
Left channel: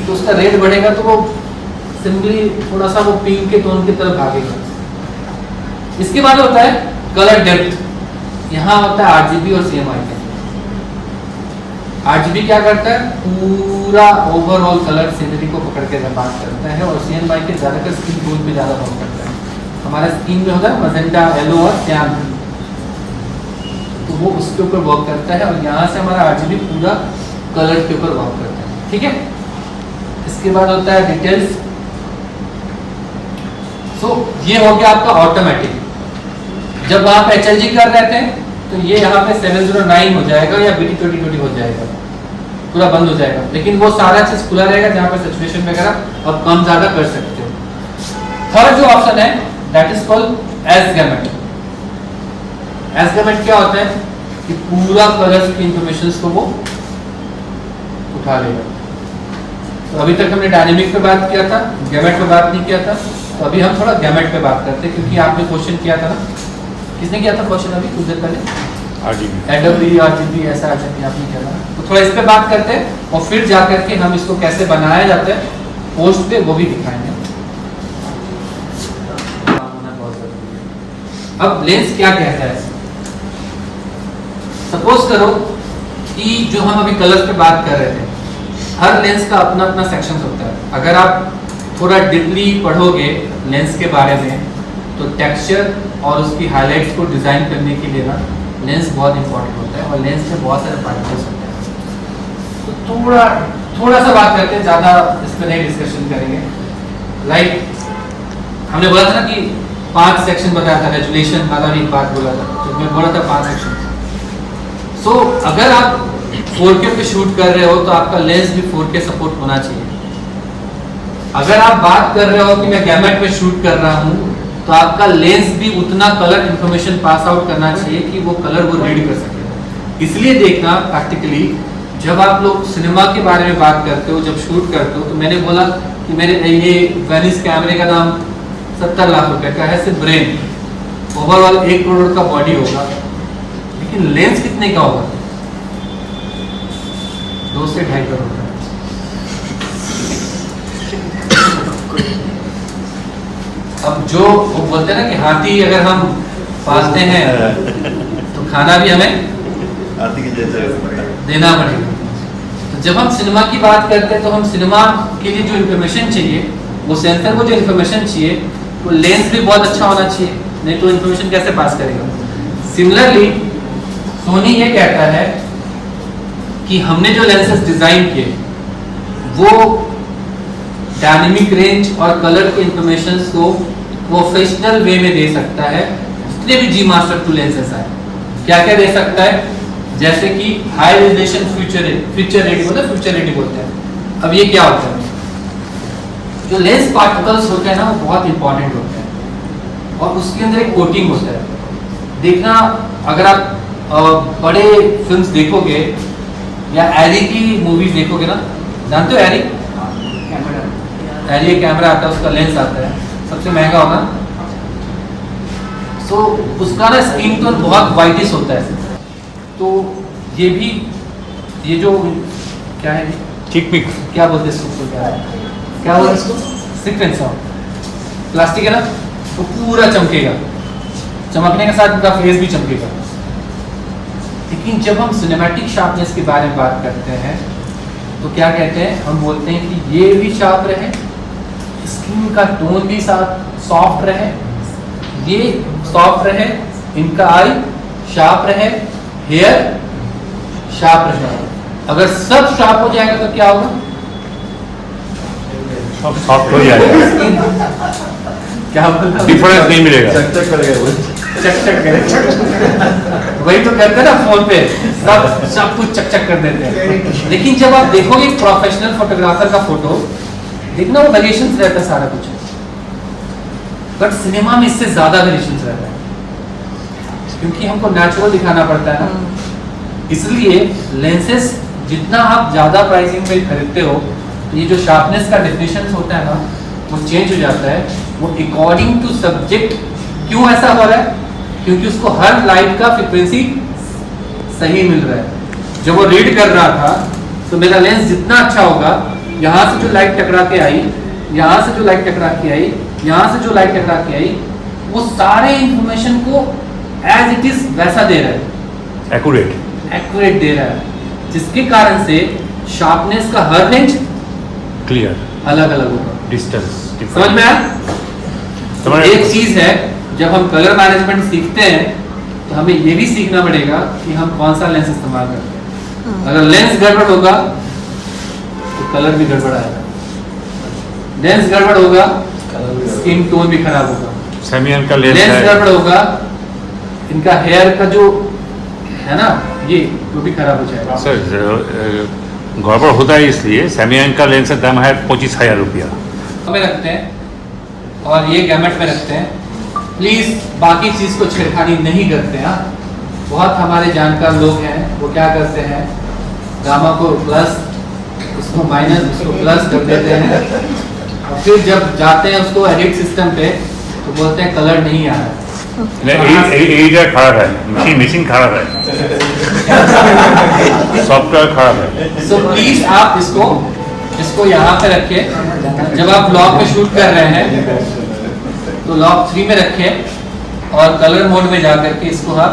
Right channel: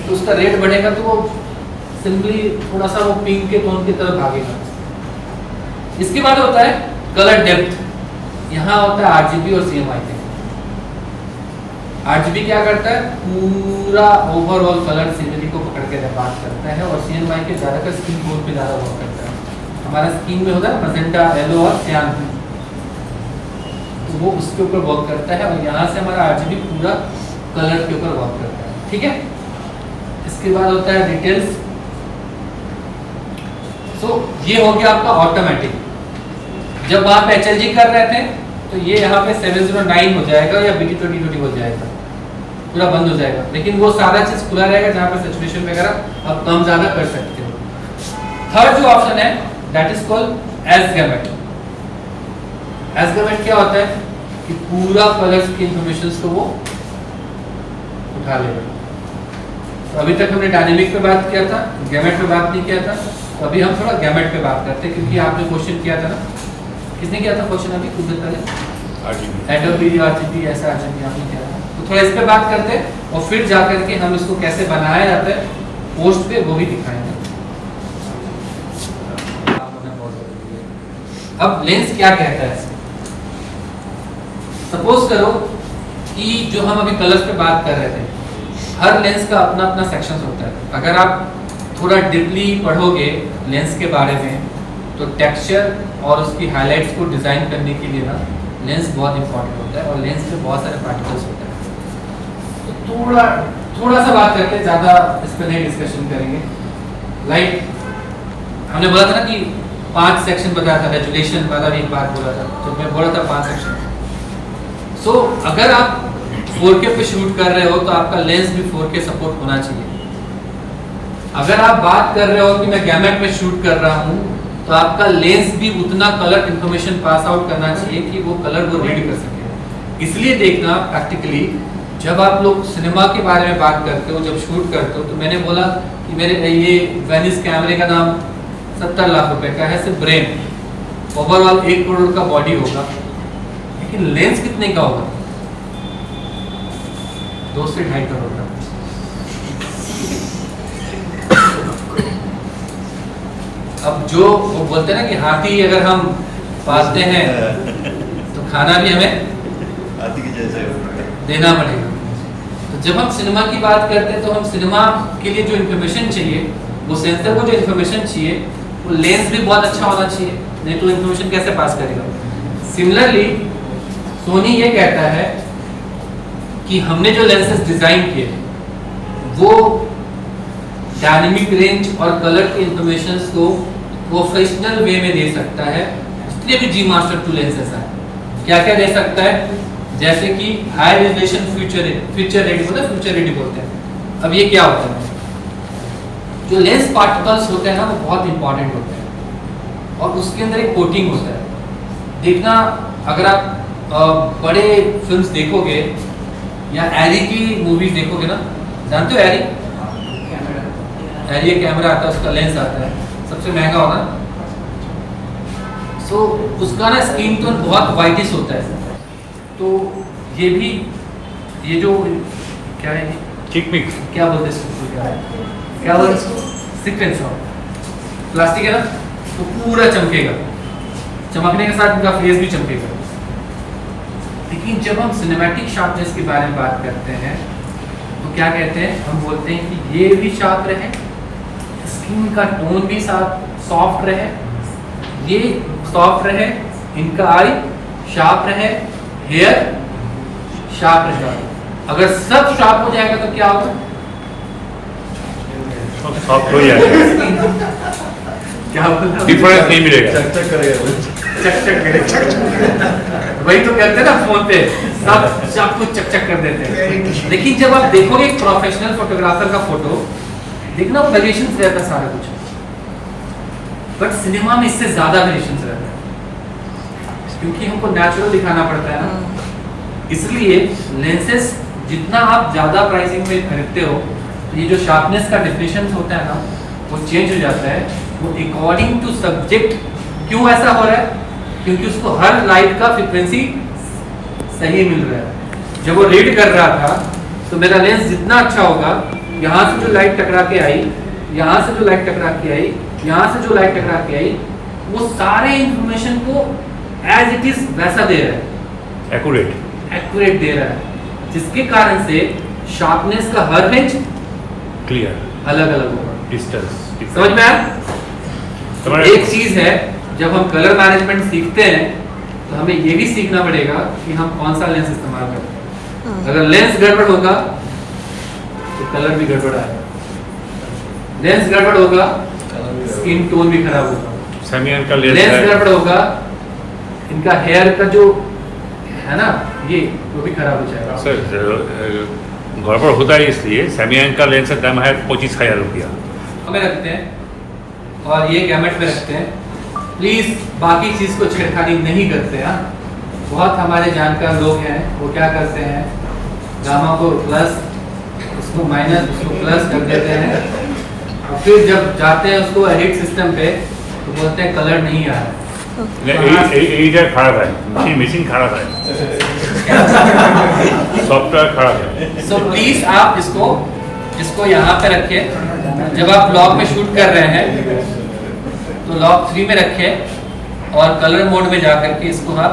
तो उसका रेड बढ़ेगा तो वो सिंपली थोड़ा सा वो पिंक के टोन की तरफ भागेगा। इसके बाद होता है कलर डेप्थ, यहाँ होता है RGB और CMYK का। RGB क्या करता है, पूरा ओवरऑल कलर सीनरी को पकड़ के बात करता है, और CMYK ज़्यादातर स्किन टोन पे ज़्यादा वर्क करता है। हमारा स्किन में होता है मजेंटा, येलो और सियान, तो वो उसके ऊपर वर्क करता है, और यहाँ से हमारा RGB पूरा कलर के ऊपर वर्क करता है, ठीक है। इसके बाद होता है डिटेल्स। सो ये हो गया आपका ऑटोमेटिक। जब आप HLG कर रहे थे तो ये यहाँ पे 709 हो जाएगा या BT2020 हो जाएगा, पूरा बंद हो जाएगा, लेकिन वो सारा चीज खुला रहेगा जहाँ पे सैचुरेशन वगैरह आप कम ज़्यादा कर सकते हो। थर्ड जो ऑप्शन है that is called as gamut. As gamut क्या होता है कि पूरा कलर्स की इंफॉर्मेशन को वो उठा लेगा। तो अभी तक हमने डायनेमिक पे बात किया था, गैमेट पे बात नहीं किया था, तो अभी हम थोड़ा गैमेट पे बात करते हैं, क्योंकि आपने क्वेश्चन किया था ना, किसने किया था क्वेश्चन अभी कुछ देर पहले? RGB ऐसा RGB आपने किया था, तो थोड़ा इस पे बात करते हैं और फिर जा करके हम इसको कैसे बनाया जाता है पोस्ट पे वो भी दिखाएंगे। अब लेंस क्या कहता है, सपोज करो कि जो हम अभी कलर्स पे बात कर रहे थे, हर लेंस का अपना अपना सेक्शन होता है। अगर आप थोड़ा डीपली पढ़ोगे लेंस के बारे में तो टेक्सचर और उसकी हाइलाइट्स को डिज़ाइन करने के लिए ना लेंस बहुत इंपॉर्टेंट होता है, और लेंस में बहुत सारे पार्टिकल्स होते हैं। तो थोड़ा सा बात करते हैं, ज़्यादा इस पर नहीं डिस्कशन करेंगे। लाइक हमने बोला था ना कि 5 सेक्शन बताया था, रेजुलेशन वाला भी एक बात बोला था, तो मैं बोला था 5 सेक्शन। सो अगर आप 4K पे शूट कर रहे हो तो आपका लेंस भी 4K सपोर्ट होना चाहिए। अगर आप बात कर रहे हो कि मैं गैमेट में शूट कर रहा हूँ तो आपका लेंस भी उतना कलर इंफॉर्मेशन पास आउट करना चाहिए कि वो कलर वो रीड कर सके। इसलिए देखना प्रैक्टिकली जब आप लोग सिनेमा के बारे में बात करते हो, जब शूट करते हो, तो मैंने बोला कि मेरे ये वेनिस कैमरे का दाम 70 लाख रुपए का है, सिर्फ ब्रेन, ओवरऑल 1 करोड़ का बॉडी होगा, लेकिन लेंस कितने का होगा? 2 से 2.5 करोड़ का। अब जो वो बोलते हैं ना कि हाथी अगर हम पालते हैं तो खाना भी हमें हाथी के जैसे देना पड़ेगा। तो जब हम सिनेमा की बात करते हैं तो हम सिनेमा के लिए जो इन्फॉर्मेशन चाहिए, वो सेंसर को जो इन्फॉर्मेशन चाहिए, वो लेंस भी बहुत अच्छा होना चाहिए, नहीं तो इन्फॉर्मेशन कैसे पास करेगा। सिमिलरली सोनी ये कहता है कि हमने जो लेंसेज डिज़ाइन किए वो डायनेमिक रेंज और कलर के इंफॉर्मेशन को प्रोफेशनल वे में दे सकता है, जितने भी जी मास्टर 2 लेंसेज हैं, क्या क्या दे सकता है? जैसे कि हाई रेजोल्यूशन फ्यूचर रेडी बोलते हैं। अब ये क्या होता है? जो लेंस पार्टिकल्स होते हैं ना, वो बहुत इंपॉर्टेंट होते हैं और उसके अंदर एक कोटिंग होता है। देखना, अगर आप बड़े फिल्म्स देखोगे या एरी की मूवीज देखोगे ना, जानते हो एरी? एरी एक कैमरा आता है, उसका लेंस आता है, सबसे महंगा होगा। सो उसका ना स्क्रीन टोन बहुत वाइटिश होता है। तो ये भी, ये जो क्या है, चिक पिक क्या बोलते हैं इसको, क्या बोलते हैं इसको? सीक्वेंस ऑफ प्लास्टिक है ना, वो पूरा चमकेगा, चमकने के साथ उनका फेस भी चमकेगा। लेकिन जब हम सिनेमैटिक शार्पनेस के बारे में बात करते हैं तो क्या कहते हैं? हम बोलते हैं कि ये भी शार्प रहे, स्किन का टोन भी सॉफ्ट रहे, ये सॉफ्ट रहे, इनका आई शार्प रहे, हेयर शार्प रहे। अगर सब शार्प हो जाएगा तो क्या होगा? सब सॉफ्ट हो जाएगा, क्या होगा? डिफरेंस नहीं मिलेगा। चक करेगा वो। वही तो कहते हैं ना, फोन पे सब कुछ चक कर देते हैं। लेकिन जब आप देखोगे प्रोफेशनल फोटोग्राफर का फोटो, देखना वो वेरिएशंस रहता है सारा कुछ, बट सिनेमा में इससे ज्यादा वेरिएशंस रहता है, क्योंकि हमको नेचुरल दिखाना पड़ता है ना। इसलिए लेंसेज जितना आप ज्यादा प्राइसिंग में खरीदते हो, तो ये जो शार्पनेस का डेफिनेशन होता है ना, वो चेंज हो जाता है, वो अकॉर्डिंग टू सब्जेक्ट। क्यों ऐसा हो रहा है? क्योंकि उसको हर लाइट का फ्रीक्वेंसी सही मिल रहा है। जब वो रीड कर रहा था तो मेरा लेंस जितना अच्छा होगा, यहाँ से जो लाइट टकरा के आई, यहाँ से जो लाइट टकरा के आई, यहाँ से जो लाइट टकरा के आई, वो सारे इंफॉर्मेशन को एज इट इज वैसा दे रहा है, एक्यूरेट दे रहा है, जिसके कारण से शार्पनेस का हर रेंज क्लियर, अलग अलग होगा। डिस्टेंस समझ में आया? एक चीज है, जब हम कलर मैनेजमेंट सीखते हैं तो हमें ये भी सीखना पड़ेगा कि हम कौन सा लेंस इस्तेमाल करते हैं। अगर लेंस गड़बड़ होगा तो कलर भी गड़बड़ आएगा, लेंस गड़बड़ होगा स्किन टोन भी खराब होगा, सेमियन का लेंस गड़बड़ होगा, इनका हेयर का जो है ना, ये वो भी खराब हो जाएगा। सर गड़बड़ होता है, इसलिए सेमियन का लेंस का दाम है 25,000 रुपया में रखते हैं और ये गैमेट में रखते हैं। प्लीज बाकी चीज को छेड़खानी नहीं करते हैं। बहुत हमारे जानकार लोग हैं, वो क्या करते हैं, गामा को प्लस, उसको माइनस, उसको प्लस कर देते हैं, और फिर जब जाते हैं उसको एडिट सिस्टम पे तो बोलते हैं कलर नहीं आ रहा है। खराब है, मशीन खराब है, सॉफ्टवेयर खराब है। सो प्लीज आप इसको यहाँ पे रखिए। जब आप ब्लॉग में शूट कर रहे हैं तो लॉक 3 में रखें और कलर मोड में जाकर के इसको आप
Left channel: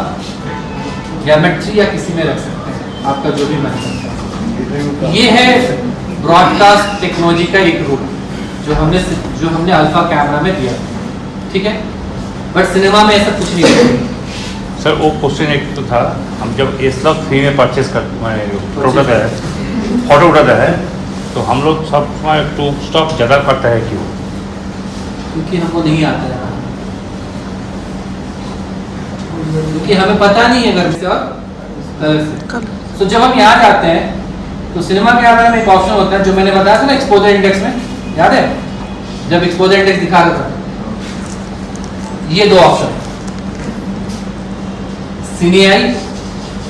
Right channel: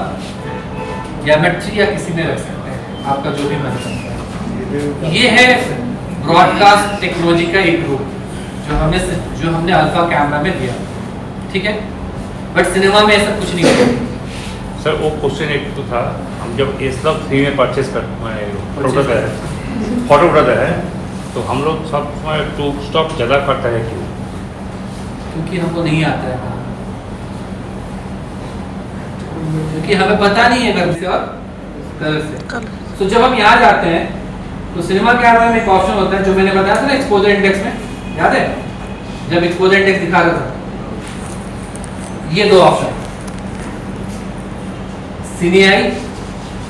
ज्योमेट्री या किसी में रख सकते हैं, आपका जो भी मन करता है। ये है ब्रॉडकास्ट टेक्नोलॉजी का एक रूप जो हमने अल्फा कैमरा में दिया, ठीक है। बट सिनेमा में ऐसा कुछ नहीं है। सर वो क्वेश्चन एक तो था, हम जब S3 में परचेस फोटो उठाता है तो हम लोग सब टू स्टॉक ज़्यादा करता है, क्यों? क्योंकि हमको नहीं आता है, क्योंकि हमें पता नहीं है घर से और कलर से। तो जब हम यहाँ जाते हैं तो सिनेमा कैमरा में एक ऑप्शन होता है जो मैंने बताया था ना, एक्सपोजर इंडेक्स में, याद है? जब एक्सपोजर इंडेक्स दिखा रहा था, ये दो ऑप्शन, सिनेआई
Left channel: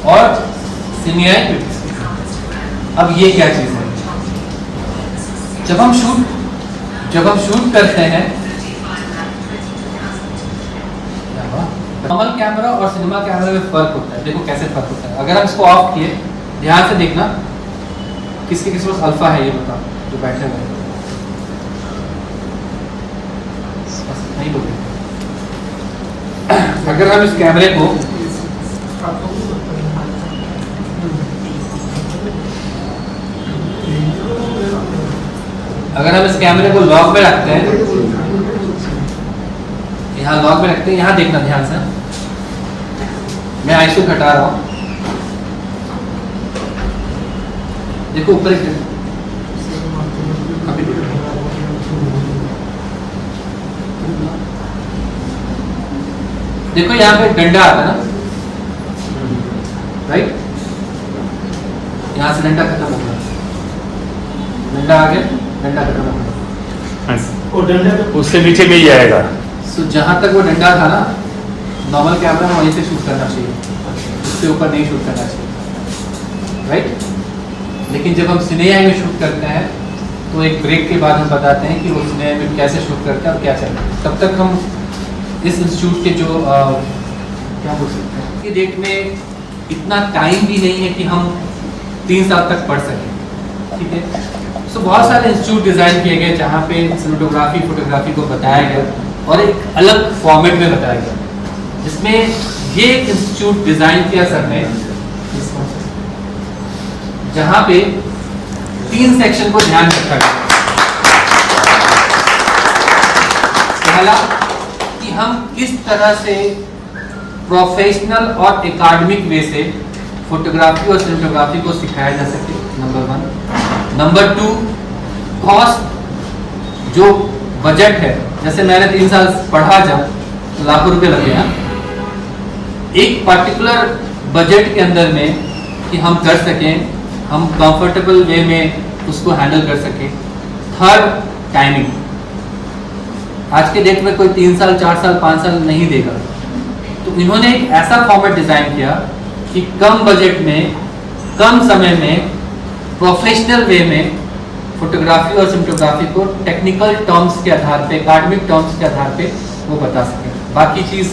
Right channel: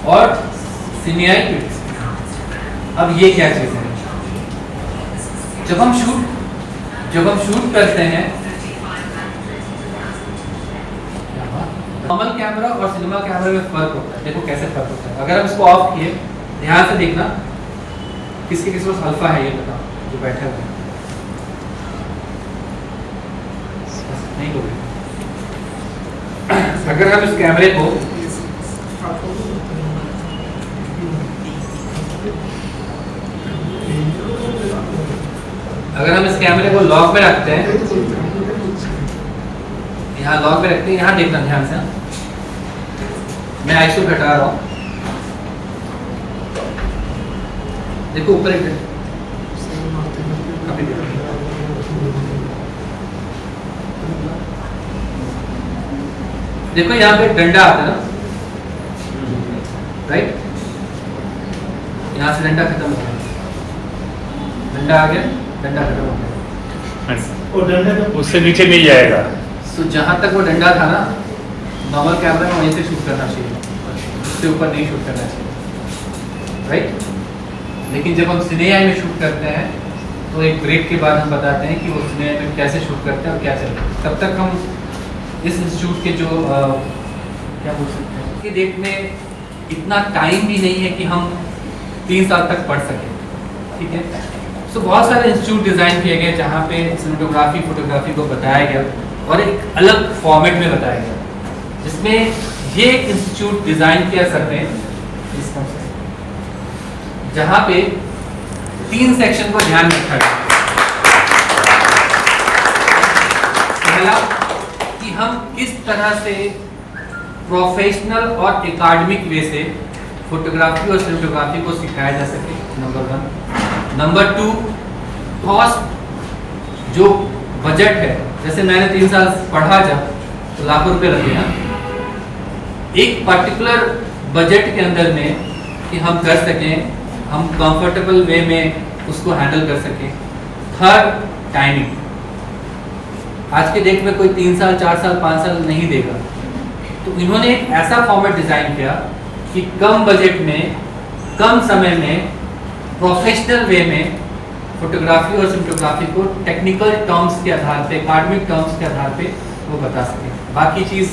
और सिनेआई क्विक्स। अब ये क्या चीज है? जब हम शूट करते हैं, नॉर्मल कैमरा और सिनेमा कैमरा में फर्क होता है। देखो कैसे फर्क होता है। अगर हम इसको ऑफ किए, ध्यान से देखना, किसके पास अल्फा है ये बताओ जो बैठे हुए हैं, नहीं बोलिए। अगर हम इस कैमरे को लॉक में रखते हैं, यहाँ लॉक में रखते हैं, यहाँ देखना ध्यान से, मैं आईसो घटा रहा हूँ, देखो ऊपर एक, अभी देखो, देखो यहाँ पे डंडा आता है ना, राइट, यहाँ से डंडा खत्म हो गया, डंडा आ गया, डंडा खत्म हो गया, वो डंडे का उससे नीचे नहीं जाएगा। सो जहाँ तक वो डंडा था ना, नॉर्मल कैमरा में वहीं से शूट करना चाहिए, उससे ऊपर नहीं शूट करना चाहिए, राइट। लेकिन जब हम सिनेमा में शूट करते हैं तो एक ब्रेक के बाद हम बताते हैं कि वो सिनेमा में कैसे शूट करते हैं और क्या चलता है। तब तक हम इस इंस्टीट्यूट के जो क्या बोल सकते हैं कि डेट में इतना टाइम भी नहीं है कि हम 3 साल तक पढ़ सकें, ठीक है। सो बहुत सारे इंस्टीट्यूट डिज़ाइन किए गए जहाँ पे सिनेमेटोग्राफी फोटोग्राफी को बताया गया और एक अलग फॉर्मेट में बताया गया, जिसमें ये एक इंस्टीट्यूट डिज़ाइन किया सर ने जहाँ पे 3 सेक्शन को ध्यान में रखा गया। पहला कि हम किस तरह से प्रोफेशनल और एकेडमिक वे से फोटोग्राफी और सिनेमेटोग्राफी को सिखाया जा सके, नंबर 1। नंबर 2, कॉस्ट, जो बजट है, जैसे मैंने 3 साल पढ़ा जब तो लाखों रुपए लगे हैं, एक पर्टिकुलर बजट के अंदर में कि हम कर सकें, हम कंफर्टेबल वे में उसको हैंडल कर सकें। 3rd, timing. आज के डेट में कोई 3 साल 4 साल 5 साल नहीं देगा, तो इन्होंने एक ऐसा फॉर्मेट डिजाइन किया कि कम बजट में कम समय में प्रोफेशनल वे में फोटोग्राफी और सिनेमेटोग्राफी को टेक्निकल टर्म्स के आधार पे, एकेडमिक टर्म्स के आधार पे वो बता सके। बाकी चीज़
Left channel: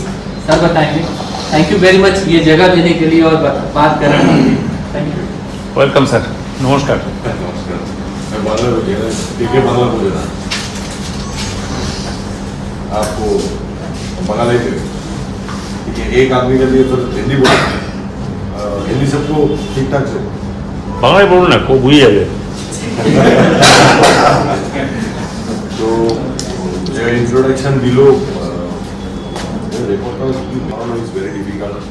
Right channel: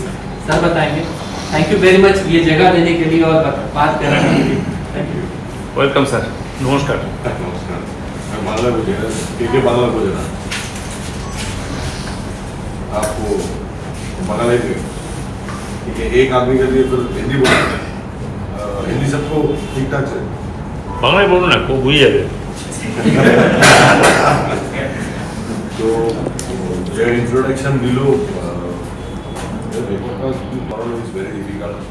सर बताएंगे। थैंक यू वेरी मच ये जगह देने के लिए और बात करने के लिए। Thank you. वेलकम सर, नमस्कार। नमस्कार, मैं बांग्ला बोल बांग्ला बोल रहा आपको बंगाली ठीक है। एक आदमी के लिए फिर हिंदी बोलना, हिंदी सबको ठीक ठाक से বাংলায় বলো না, খুব বুঝে যাবে। তো যে ইন্ট্রোডাকশন দিল রেকর্ডটা কি করানো ইজ ভেরি ডিফিকাল্ট,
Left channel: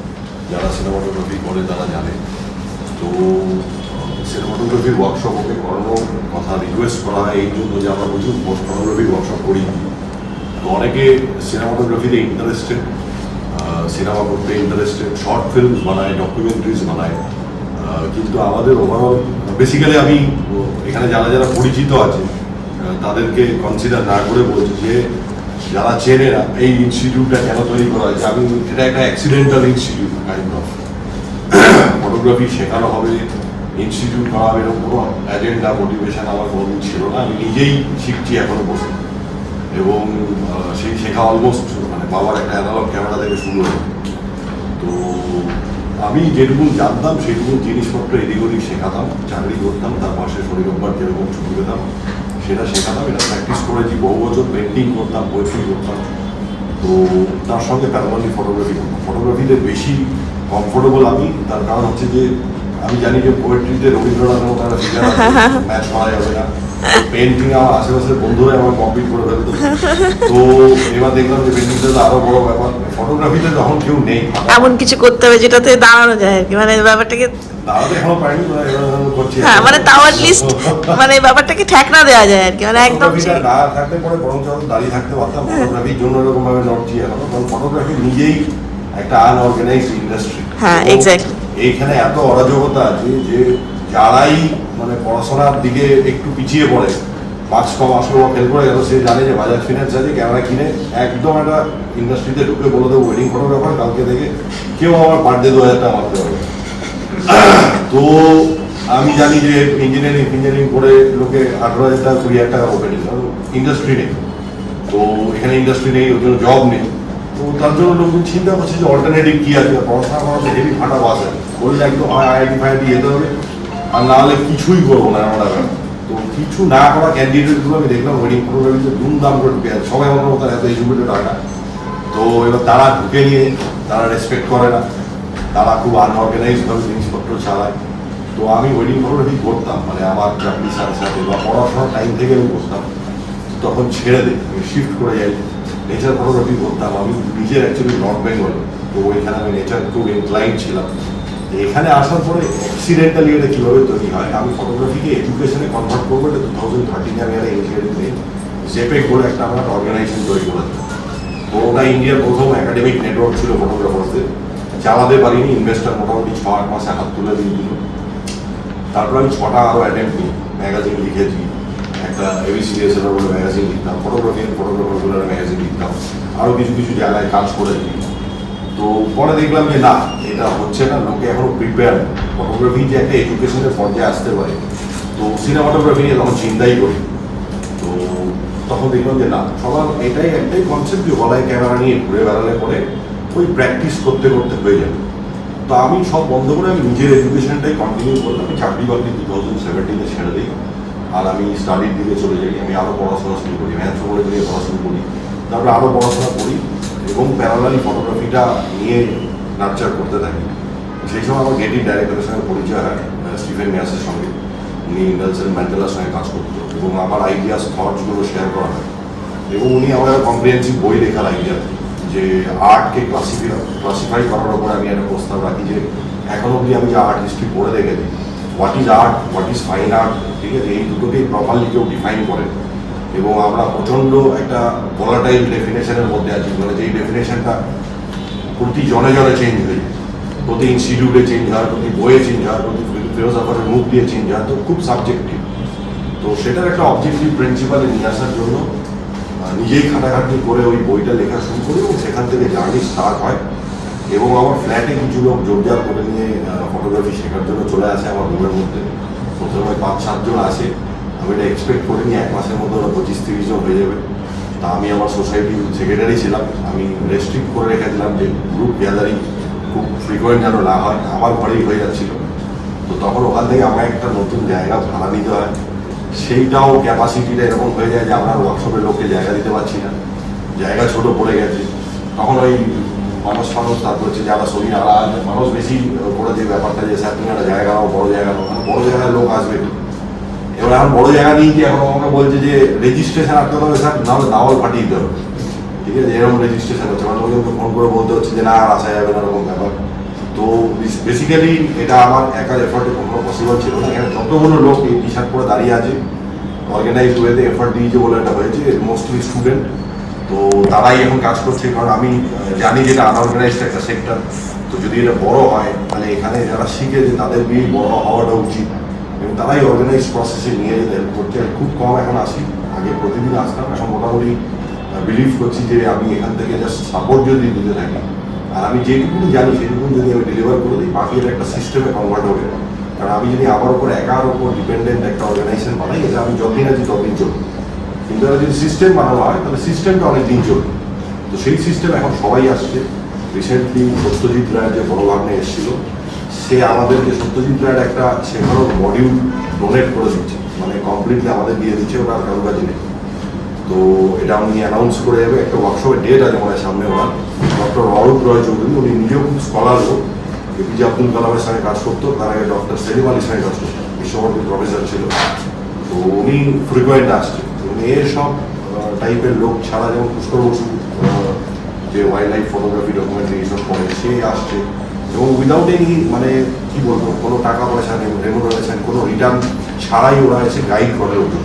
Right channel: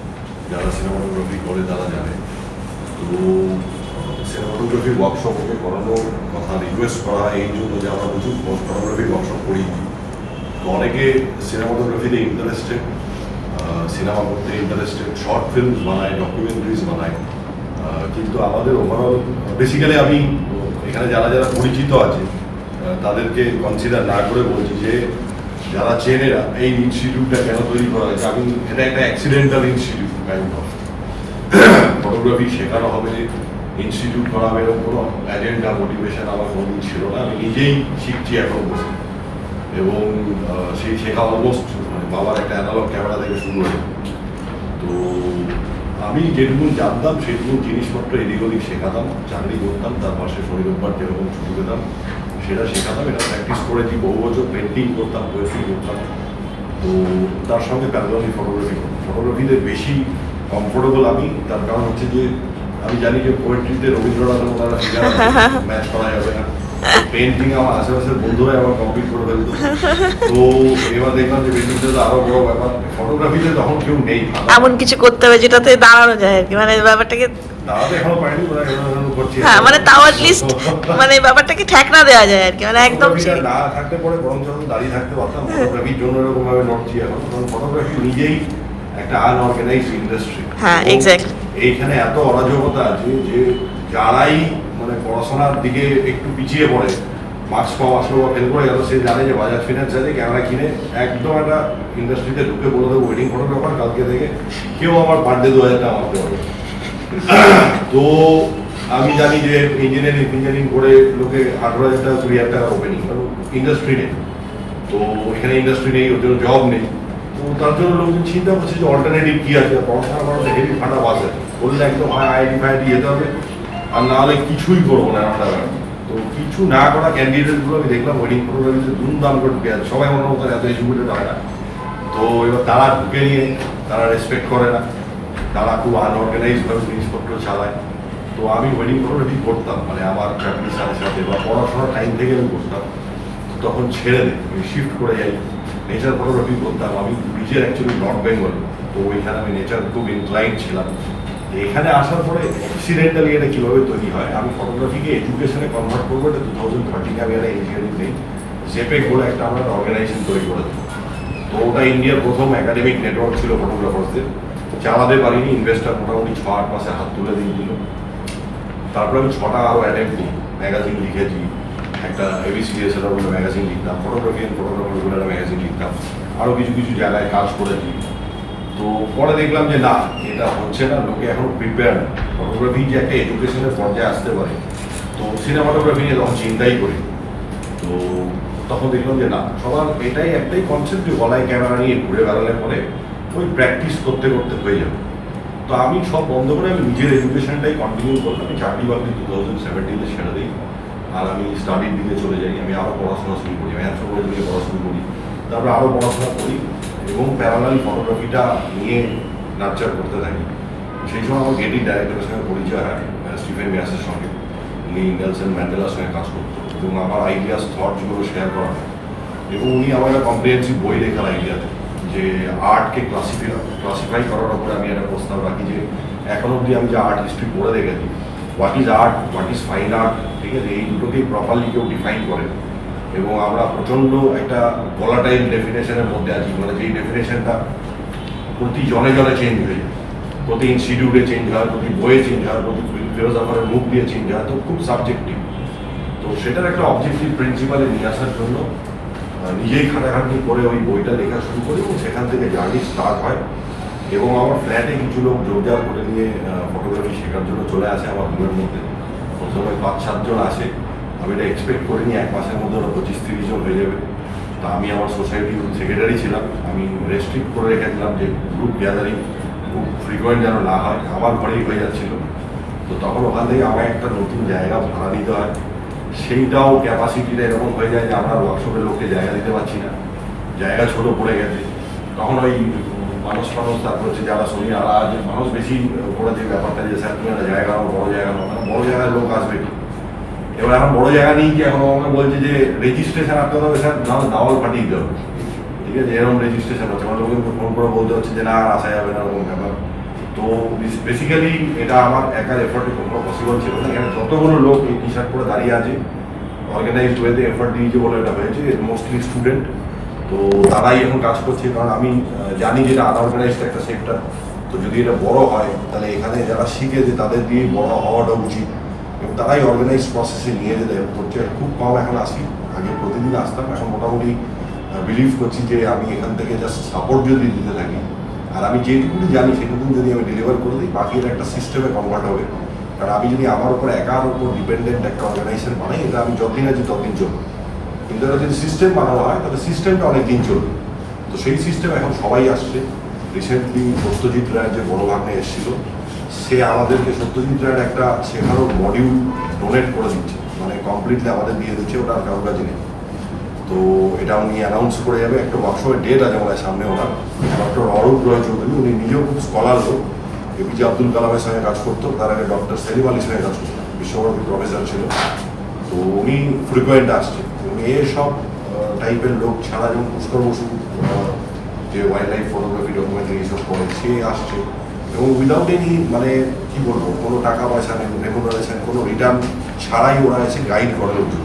যারা সিনেমাটোগ্রাফি করে তারা জানে। তো সিনেমাটোগ্রাফির ওয়ার্কশপ ওকে করানোর কথা রিকোয়েস্ট করা হয় এই জন্য যে আমরা প্রচুর ফটোগ্রাফির ওয়ার্কশপ করি। তো অনেকে সিনেমাটোগ্রাফিতে ইন্টারেস্টেড, সিনেমা করতে ইন্টারেস্টেড, শর্ট ফিল্মস বানায়, ডকুমেন্টারিজ বানায়, কিন্তু আমাদের ওভারঅল বেসিক্যালি আমি এখানে যারা যারা পরিচিত আছে তাদেরকে কনসিডার না করে বলছি যে যারা চেনে না এই ইনস্টিটিউটটা কেন তৈরি করা হয়েছে। আমি এটা একটা accidental institute kind of, photography শেখানো হবে, ইনস্টিটিউট করা হবে, এরকম কোনো এজেন্ডা মোটিভেশন আমার কোনোদিন ছিল না। আমি নিজেই শিখছি এখনো বসে, এবং সেই শেখা অলমোস্ট মানে বাবার একটা অ্যানালগ ক্যামেরা থেকে শুরু হলো। তো আমি যেটুকু জানতাম সেটুকু জিনিসপত্র এদিক ওদিক শেখাতাম, চাকরি করতাম, তার পাশে শনি রোববার যেরকম ছুটি পেতাম সেটা শেখাতাম। এটা প্র্যাকটিস করেছি বহু বছর, পেন্টিং করতাম, পোয়েট্রি করতাম। তো তার সঙ্গে প্যারাললি ফটোগ্রাফি করতাম। ফটোগ্রাফিতে বেশি কমফোর্টেবল আমি, তার কারণ হচ্ছে যে আমি জানি যে পোয়েট্রিতে রবীন্দ্রনাথ তারা ম্যাচ করা যাবে না, পেন্টিং আমার আশেপাশের বন্ধুরাই আমার কমপ্লিট করে ফেলতো। তো এবার দেখলাম যে পেন্টিংটা আরো বড় ব্যাপার, ফটোগ্রাফিতে তখন কেউ নেই, এমন কিছু করতে হবে যেটাতে দাঁড়ানো যায় আর কি, মানে ব্যাপারটাকে দাঁড়াতে এখনো পারিনি, করছি। হ্যাঁ মানে তাও অ্যাটলিস্ট মানে ব্যাপারটাকে ঠেকনা দেওয়া যায় আর কি, মানে একদম ফটোগ্রাফিটা না থাকতে পরে বরং যখন দাঁড়িয়ে থাকতে পারতাম। ফটোগ্রাফির জন্য এরকম ভাবে নড়ছি এখন, কারণ ফটোগ্রাফি নিজেই একটা আনঅর্গানাইজড ইন্ডাস্ট্রি। হ্যাঁ এক্স্যাক্টলি। এইখানে এত অরাজকতা আছে যে যারাই মানে পড়াশোনার দিকে একটু পিছিয়ে পড়ে, মার্কস কম আসলো বা ফেল করে গেল, সে জানে যে বাজাজ ফিনান্স আছে, ক্যামেরা কিনে একদম একটা ইন্ডাস্ট্রিতে ঢুকে বলে দেবো ওয়েডিং ফটোগ্রাফার, কালকে থেকে কেউ আমার বার্থডে 2000 টাকা মারতে পারবে। তো আমি জানি যে ইঞ্জিনিয়ারিং করে লোকে 18,000 টাকা 20,000 টাকা ওপেনিং, কারণ ইন্ডাস্ট্রি নেই। তো এখানে ইন্ডাস্ট্রি নেই, ওর জন্য জব নেই। তো তার জন্য লোকজন চিন্তা করছে যে অল্টারনেটিভ কী আছে, পড়াশোনা করাতে হেভি ফাটা বাস আছে, বললে একদম আইআইটি ফাইআইটি যেতে হবে, আর না হলে কিছুই করবো না আমরা। তো কিছু না করা ক্যান্ডিডেটগুলো আমি দেখলাম ওয়েডিং ফটোগ্রাফিতে দুমদাম করে ঢুকে আছে, সবাই অন্য মতো এত এডুকেটেড হয় না। তো এবার তারা ঢুকে নিয়ে তারা রেসপেক্ট করে না, তারা খুব আনঅর্গানাইজডভাবে জিনিসপত্র চালায়। তো আমি ওয়েডিং ফটোগ্রাফি করতাম, মানে আমার চাকরির সাথে সাথে বা পড়াশোনার টাইম থেকে আমি করতাম। তখন ছেড়ে দিই, শিফট করে যাই, নেচার ফটোগ্রাফি করতাম। আমি নিজের অ্যাকচুয়ালি নর্থ বেঙ্গল, তো ওইখানে আমি নেচার খুব ইনক্লাইন্ড ছিলাম। এখানে আসার পরে অ্যাক্সিডেন্টালি এটা কীভাবে তৈরি হয়, আমি ফটোগ্রাফিকে এডুকেশনে কনভার্ট করবো, এটা 2013 আমি একটা ইনিশিয়েটিভ নেই, জেপেক বলে একটা আমরা অর্গানাইজেশন তৈরি করেছি। তো ওটা ইন্ডিয়ার প্রথম একাডেমিক নেটওয়ার্ক ছিল ফটোগ্রাফারদের, চালাতে পারিনি, ইনভেস্টার মোটামুটি 6-8 মাসে হাত তুলে দিয়ে দিল। তারপর আমি 6টা আরও অ্যাটেম্প নিই, ম্যাগাজিন লিখেছি, একটা ABCDSR বলে ম্যাগাজিন লিখতাম, ফটোগ্রাফি অ্যান্ড ফটোগ্রাফার বলে একটা ম্যাগাজিন লিখতাম, আরও কিছু কিছু জায়গায় কাজ করেছি। তো পরে দেখলাম যে না, এটা হচ্ছে না, লোকে এখনও প্রিপেয়ার। ফটোগ্রাফি যে একটা এডুকেশনের পর্যায়ে আসতে পারে, তো সিনেমাটোগ্রাফি নিয়ে তখন চিন্তাই করি। তো তখন দেখলাম যে না, সবার এটাই একটাই কনসেপ্ট যে গলায় ক্যামেরা নিয়ে ঘুরে বেড়ালে পরে ওই প্র্যাকটিস করতে করতে হয়ে যাবে। তো আমি সব বন্ধ করে আমি নিজের এডুকেশনটাই কন্টিনিউ করলাম। আমি চাকরি বাকরি 2017-এ ছেড়ে দিই, আর আমি স্টাডির দিকে চলে যাই। আমি আরও পড়াশোনা শুরু করি, অ্যানথ্রোপোলজি নিয়ে পড়াশোনা করি, তারপরে আরও পড়াশোনা করি এবং প্যারালালি ফটোগ্রাফিটা নিয়ে নার্চার করতে থাকি। সেই সময় আমার গেটির ডাইরেক্টরের সঙ্গে পরিচয় হয়, স্টিফেন মিয়াসের সঙ্গে। উনি নেলসন ম্যান্ডেলার সঙ্গে কাজ করতো এবং আমার আইডিয়াস থটসগুলো শেয়ার করা হয়। এবং উনি আমার একটা কম্প্রিহেন্সিভ বই লেখার আইডিয়া যে আর্টকে ক্লাসিফাই করার উপরে আমি একটা প্রস্তাব রাখি যে এখন অবধি আমি যে আর্ট হিস্ট্রি পড়ে রেখেছি, what is art, what is fine art, ঠিক আছে, এই দুটোকেই প্রপারলি কেউ ডিফাইন করে। এবং আমরা প্রচণ্ড একটা ভলাটাইল ডেফিনেশনের মধ্যে আছি, মানে যেই ডেফিনেশনটা প্রতি জনে জনে চেঞ্জ হয়ে যায়, প্রতি ইনস্টিটিউটে চেঞ্জ হয়, প্রতি বইয়ে চেঞ্জ হয়, প্রতি ফিলোসফারের মুখ দিয়ে চেঞ্জ হয়, তো খুব সাবজেক্টিভ। তো সেটার একটা অবজেক্টিভ প্রিন্সিপালে নিয়ে আসার জন্য নিজেই খাটাখাটি করে ওই বইটা লেখা শুরু করি এবং সেখান থেকে জার্নি স্টার্ট হয়। এবং আমার ফ্ল্যাটে কিছু লোক জোরজার করে নিয়ে ফটোগ্রাফি শেখার জন্য চলে আসে আমার রুমের মধ্যে। প্রথমে 5-7 জন আসে, আমি এটা এক্সপেক্ট করিনি 1 মাসের মধ্যে ওরা 25-30 জন হয়ে যাবে। তা আমি আমার সোসাইটির সেক্রেটারি ছিলাম, আমি রেস্ট্রিক্ট করে রেখেছিলাম যে গ্রুপ গ্যাদারিং খুব ফ্রিকোয়েন্ট যেন না হয়, আমার ঘরেই হয়ে যাচ্ছিল। তো তখন ওখান থেকে আমার একটা নতুন জায়গা ভাড়া নিতে হয়, সেইটাও ক্যাপাসিটিটা এরকম হয়ে যায় যে আমরা ওয়ার্কশপের লোককে জায়গা দিতে পারছি না, জায়গা ছোট পড়ে গেছে। তখন ওই মানুষ তারপর হচ্ছে যারা শনি আর মানুষ বেশি করে যে ব্যাপারটা যে স্যার তুমি একটা জায়গা নাও, বড় জায়গা নাও, বড় জায়গায় লোক আসবে কি। এবার এখন বড় জায়গা নিয়ে গিয়ে এখন আমাকে বলছে যে রেজিস্ট্রেশন আটকাতে হবে স্যার, নাহলে দাওয়াল ফাটিয়ে দিতে হবে, ঠিক আছে, এরকম রেজিস্ট্রেশন হচ্ছে। মানে লোককে ফোন করে বলতে হচ্ছে যে না আর আসা যাবে না, এরকম ব্যাপার। তো বেসিক্যালি এটা আমার একার এফার্টে কোনো পসিবল ছিল না। এখানে যতগুলো লোক এই টি শার্ট করে দাঁড়িয়ে আছে অর্গানাইজড ওয়েতে এফার্ট দিয়েছে বলে এটা হয়েছে, মোস্টলি স্টুডেন্ট। তো তারাই এখন কাজ করছে, কারণ আমি জানি যে এটা আনঅর্গানাইজড একটা সেক্টর। তো যদি এটা বড় হয় তাহলে এখানে যারা শিখে যে তাদের দিয়ে বড় হওয়াটা উচিত, এবং তারাই অর্গানাইজ প্রসেসে নিয়ে যেতে হেল্প করছে। খুব কম এখন আসি, আগে প্রতিদিন আসতাম, এখন মোটামুটি বিলিভ করছি যে আমি এখান থেকে জাস্ট সাপোর্ট যদি দিতে থাকি আর আমি যেটুকু জানি সেটুকু যদি আমি ডেলিভার করে দিই, বাকি এটা একটা সিস্টেমে কনভার্ট হবে। কারণ আমি যদি আমার উপর একার উপর ডিপেন্ডেন্ট একটা অর্গানাইজেশন বানাই, এটা আমি যতদিন আছি ততদিন চলবে। কিন্তু এটা যদি সিস্টেম বানানো হয় তাহলে সিস্টেমটা অনেক দিন চলবে। তো সেই সিস্টেম এখন সবাই আসছে। রিসেন্টলি সত্যজিৎ রায়ের যে বড় ভাগ্নে এসেছিল, সে আমাদেরকে সত্যজিৎ রায়ের একটা শেখানোর মডিউল ডোনেট করে দিচ্ছে, মানে কমপ্লিটলি আমাদের দিয়ে দিচ্ছে, ওটা আর কারো কাছে নেই। তো এটা উনি অ্যানাউন্স করে যাবে, একটা ওয়ার্কশপের ডেট আছে আমার সামনে। ওনার ডক্টর অরূপ রয় চৌধুরী, উনি নিজেও খুব স্কলার লোক, এপিজে আব্দুল কালামের সঙ্গে কাজ করতো, তার আগে ডক্টর সেলিম আলীর সঙ্গে কাজ করতো, বিশ্বভারতী প্রফেসর ছিল। তো উনি ফ্রিকোয়েন্ট আসছে। উনি এসব টাইপের লোক ছাড়া, যেমন পুষ্কর বসু যে ওয়াইল্ড লাইফ ফটোগ্রাফি ডকুমেন্টারি এইসব করে, সে আসছে এবং উইদাউট এনি মানে কি বলবো, কোনো টাকা পয়সা রেমুনারেশন, কোনো রিটার্ন ছাড়াই ওরা এসে গাইড করে লোকজন।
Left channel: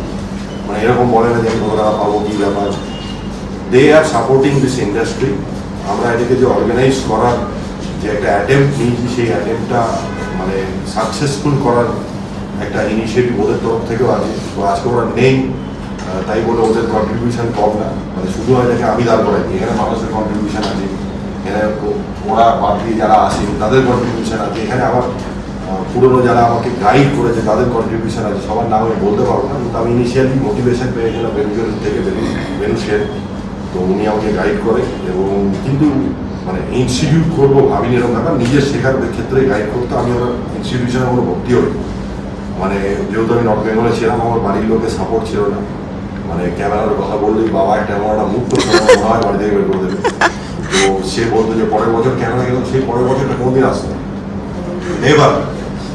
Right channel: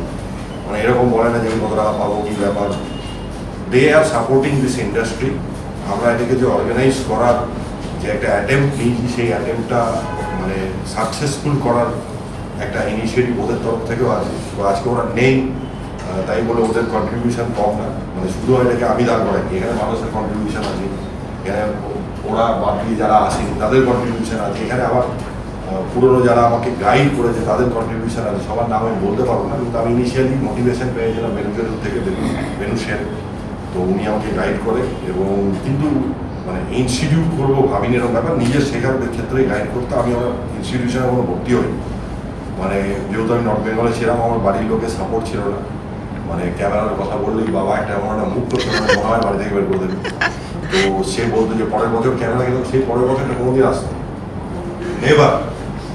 মানে এরকম বলে না যে আমি কত টাকা পাবো, কী ব্যাপার। দে আর সাপোর্টিং দিস ইন্ডাস্ট্রি। আমরা এটাকে যে অর্গানাইজ করার যে একটা অ্যাটেম্প্ট নিয়েছি, সেই অ্যাটেম্পটা মানে সাকসেসফুল করার একটা ইনিশিয়েটিভ ওদের তরফ থেকেও আছে। তো আজকে ওরা নেই, তাই বলে ওদের কন্ট্রিবিউশন কম না, মানে শুধু এটাকে আমি দাঁড় করাই, এখানে মানুষের কন্ট্রিবিউশন আছে, এখানে ওরা বাদ দিয়ে যারা আসেন তাদের কন্ট্রিবিউশন আছে, এখানে আমার পুরনো যারা আমাকে গাইড করেছে তাদের কন্ট্রিবিউশন আছে। সবার নাম আমি বলতে পারবো না, কিন্তু আমি ইনিশিয়ালি মোটিভেশন পেয়েছিলাম বেনুজোর থেকে, বেনু শের। তো উনি আমাকে গাইড করে এবং কিন্তু মানে ইনস্টিটিউট করবো ভাবিনি এরকম ব্যাপার, নিজের শেখার ক্ষেত্রে গাইড করতে। আমি আমার ইনস্টিটিউশনে কোনো ভর্তি হই, মানে যেহেতু আমি নর্থ বেঙ্গলে ছিলাম, আমার বাড়ির লোকের সাপোর্ট ছিল না। মানে ক্যামেরার কথা বললেই বাবা একটা এমন একটা মুখ করতে মনে হয় বাড়ি থেকে বের করে দেবে। তো সে বলতো যে পরের বছর ক্যামেরা গেল, সেই পরের বছরটা কোনোদিন আসতো না, নেভার।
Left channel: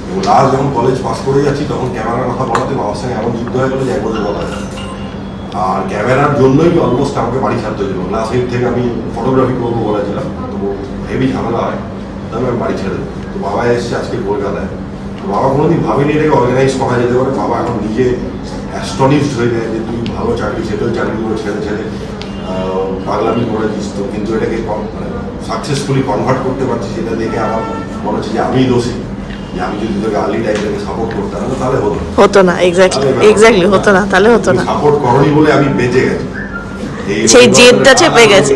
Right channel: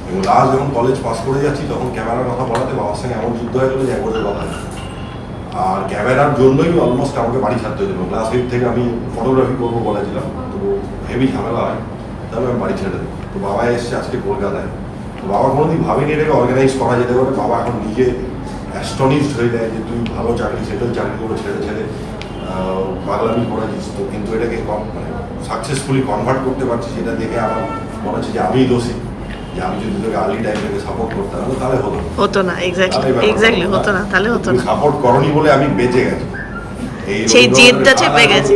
এবং লাস্ট যখন কলেজ পাস করে যাচ্ছি তখন ক্যামেরার কথা বলাতে বাবার সঙ্গে এমন যুদ্ধ হয়ে গেলো যে 1 বছর কথা আছে। আর ক্যামেরার জন্যই অলমোস্ট আমাকে বাড়ি ছাড়তে হয়েছিল। ক্লাস 8 থেকে আমি ফটোগ্রাফি করবো বলেছিলাম, তো হেভি ঝামেলা হয়, তবে আমি বাড়ি ছেড়ে দেবো। তো বাবা এসছে আজকে কলকাতায়। তো বাবা কোনোদিন ভাবিনি এটাকে অর্গানাইজ করা যেতে পারে। বাবা এখন নিজে অ্যাস্টনিশড হয়ে যায় যে তুই ভালো চাকরি, সেটেল চাকরি করে ছেড়ে পাগলামি করেছিস তো, কিন্তু এটাকে মানে সাকসেসফুলি কনভার্ট করতে পারছি, সেটা দেখে আমার মনে হচ্ছে যে আমিই দোষী, যে আমি যদি তোকে আর্লি টাইম থেকে সাপোর্ট করতাম না তাহলে হতো না। হতো না, এক্স্যাক্টলি হতো না, তাহলে হতো না। সাপোর্ট করনি বলে আমি বেঁচে গেছি। সেই জেদটা চেপে গেছে,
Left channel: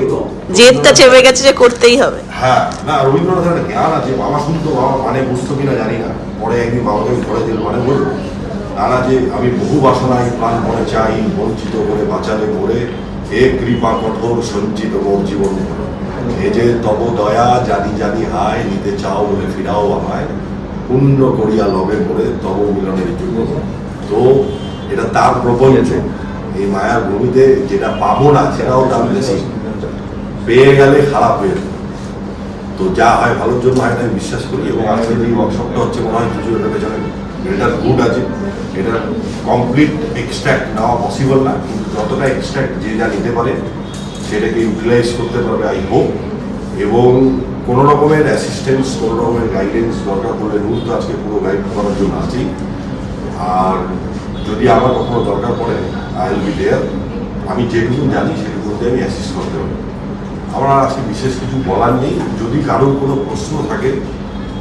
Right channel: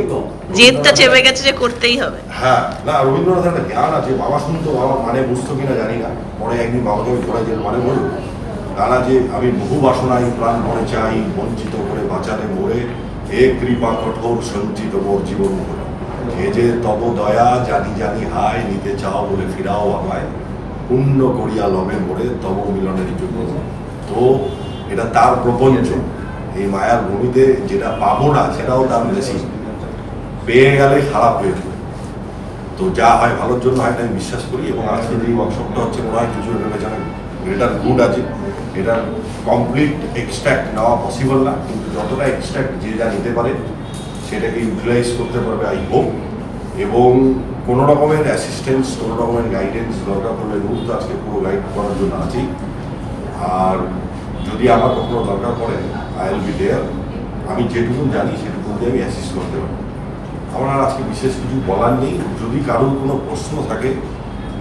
জেদটা চেপে গেছে যে করতেই হবে। হ্যাঁ, না রবীন্দ্রনাথের একটা জ্ঞান আছে, বাবা শুনতো, বাবা মানে বুঝতো কিনা জানি না, পরে একদিন বাবাকে আমি ধরে দিল, মানে বলল নানা যে আমি বহু বাসনাই প্রাণ মনে চাই, বঞ্চিত করে বাঁচালে ভরে, এ কৃপা কঠোর সঞ্চিত মোর জীবন ভরে, এ যে তব দয়া জানি জানি হায়, নিতে চাও বলে ফিরাও আমায়, পুণ্য করিয়া লবে মোরে তব মিলনের যোগ্য। তো এটা তার প্রপঞ্চ, এই মায়ার ভূমিতে যেটা পাবো না সেটাও তার বেশি, পেয়ে গেলে খারাপ হয়ে যাবে। তো যা হয় ভালোর জন্য হয়, আমি বিশ্বাস করি। এবং আজকে যে ওয়ার্কশপটা হচ্ছে মনে হয় কিছু এর পেছনে গ্রেটার গুড আছে। এটা কমপ্লিট এক্সট্র্যাক্ট নেওয়া পসিবল না, কিন্তু যতটা এক্সট্র্যাক্ট যে যা নিতে পারে সেটাকে ইউটিলাইজ করতে পারবে আই হোপ। এবং কোনো রকমের অ্যাসিস্ট্যান্স, কোনো রকমের গাইডেন্স দরকার পড়লে রুল তো আজকে পুরো গাইড করার জন্য আছেই। আর যদি আমার কখনো দরকার পড়ে আই উইল বি দেয়ার। আমি যেটুকু জানি সেটুকু আমি অ্যাসিস্ট করতে পারি। আমার আর আজকে বিশেষ কিছু বলার নেই। যদি কারোর কোনো প্রশ্ন থাকে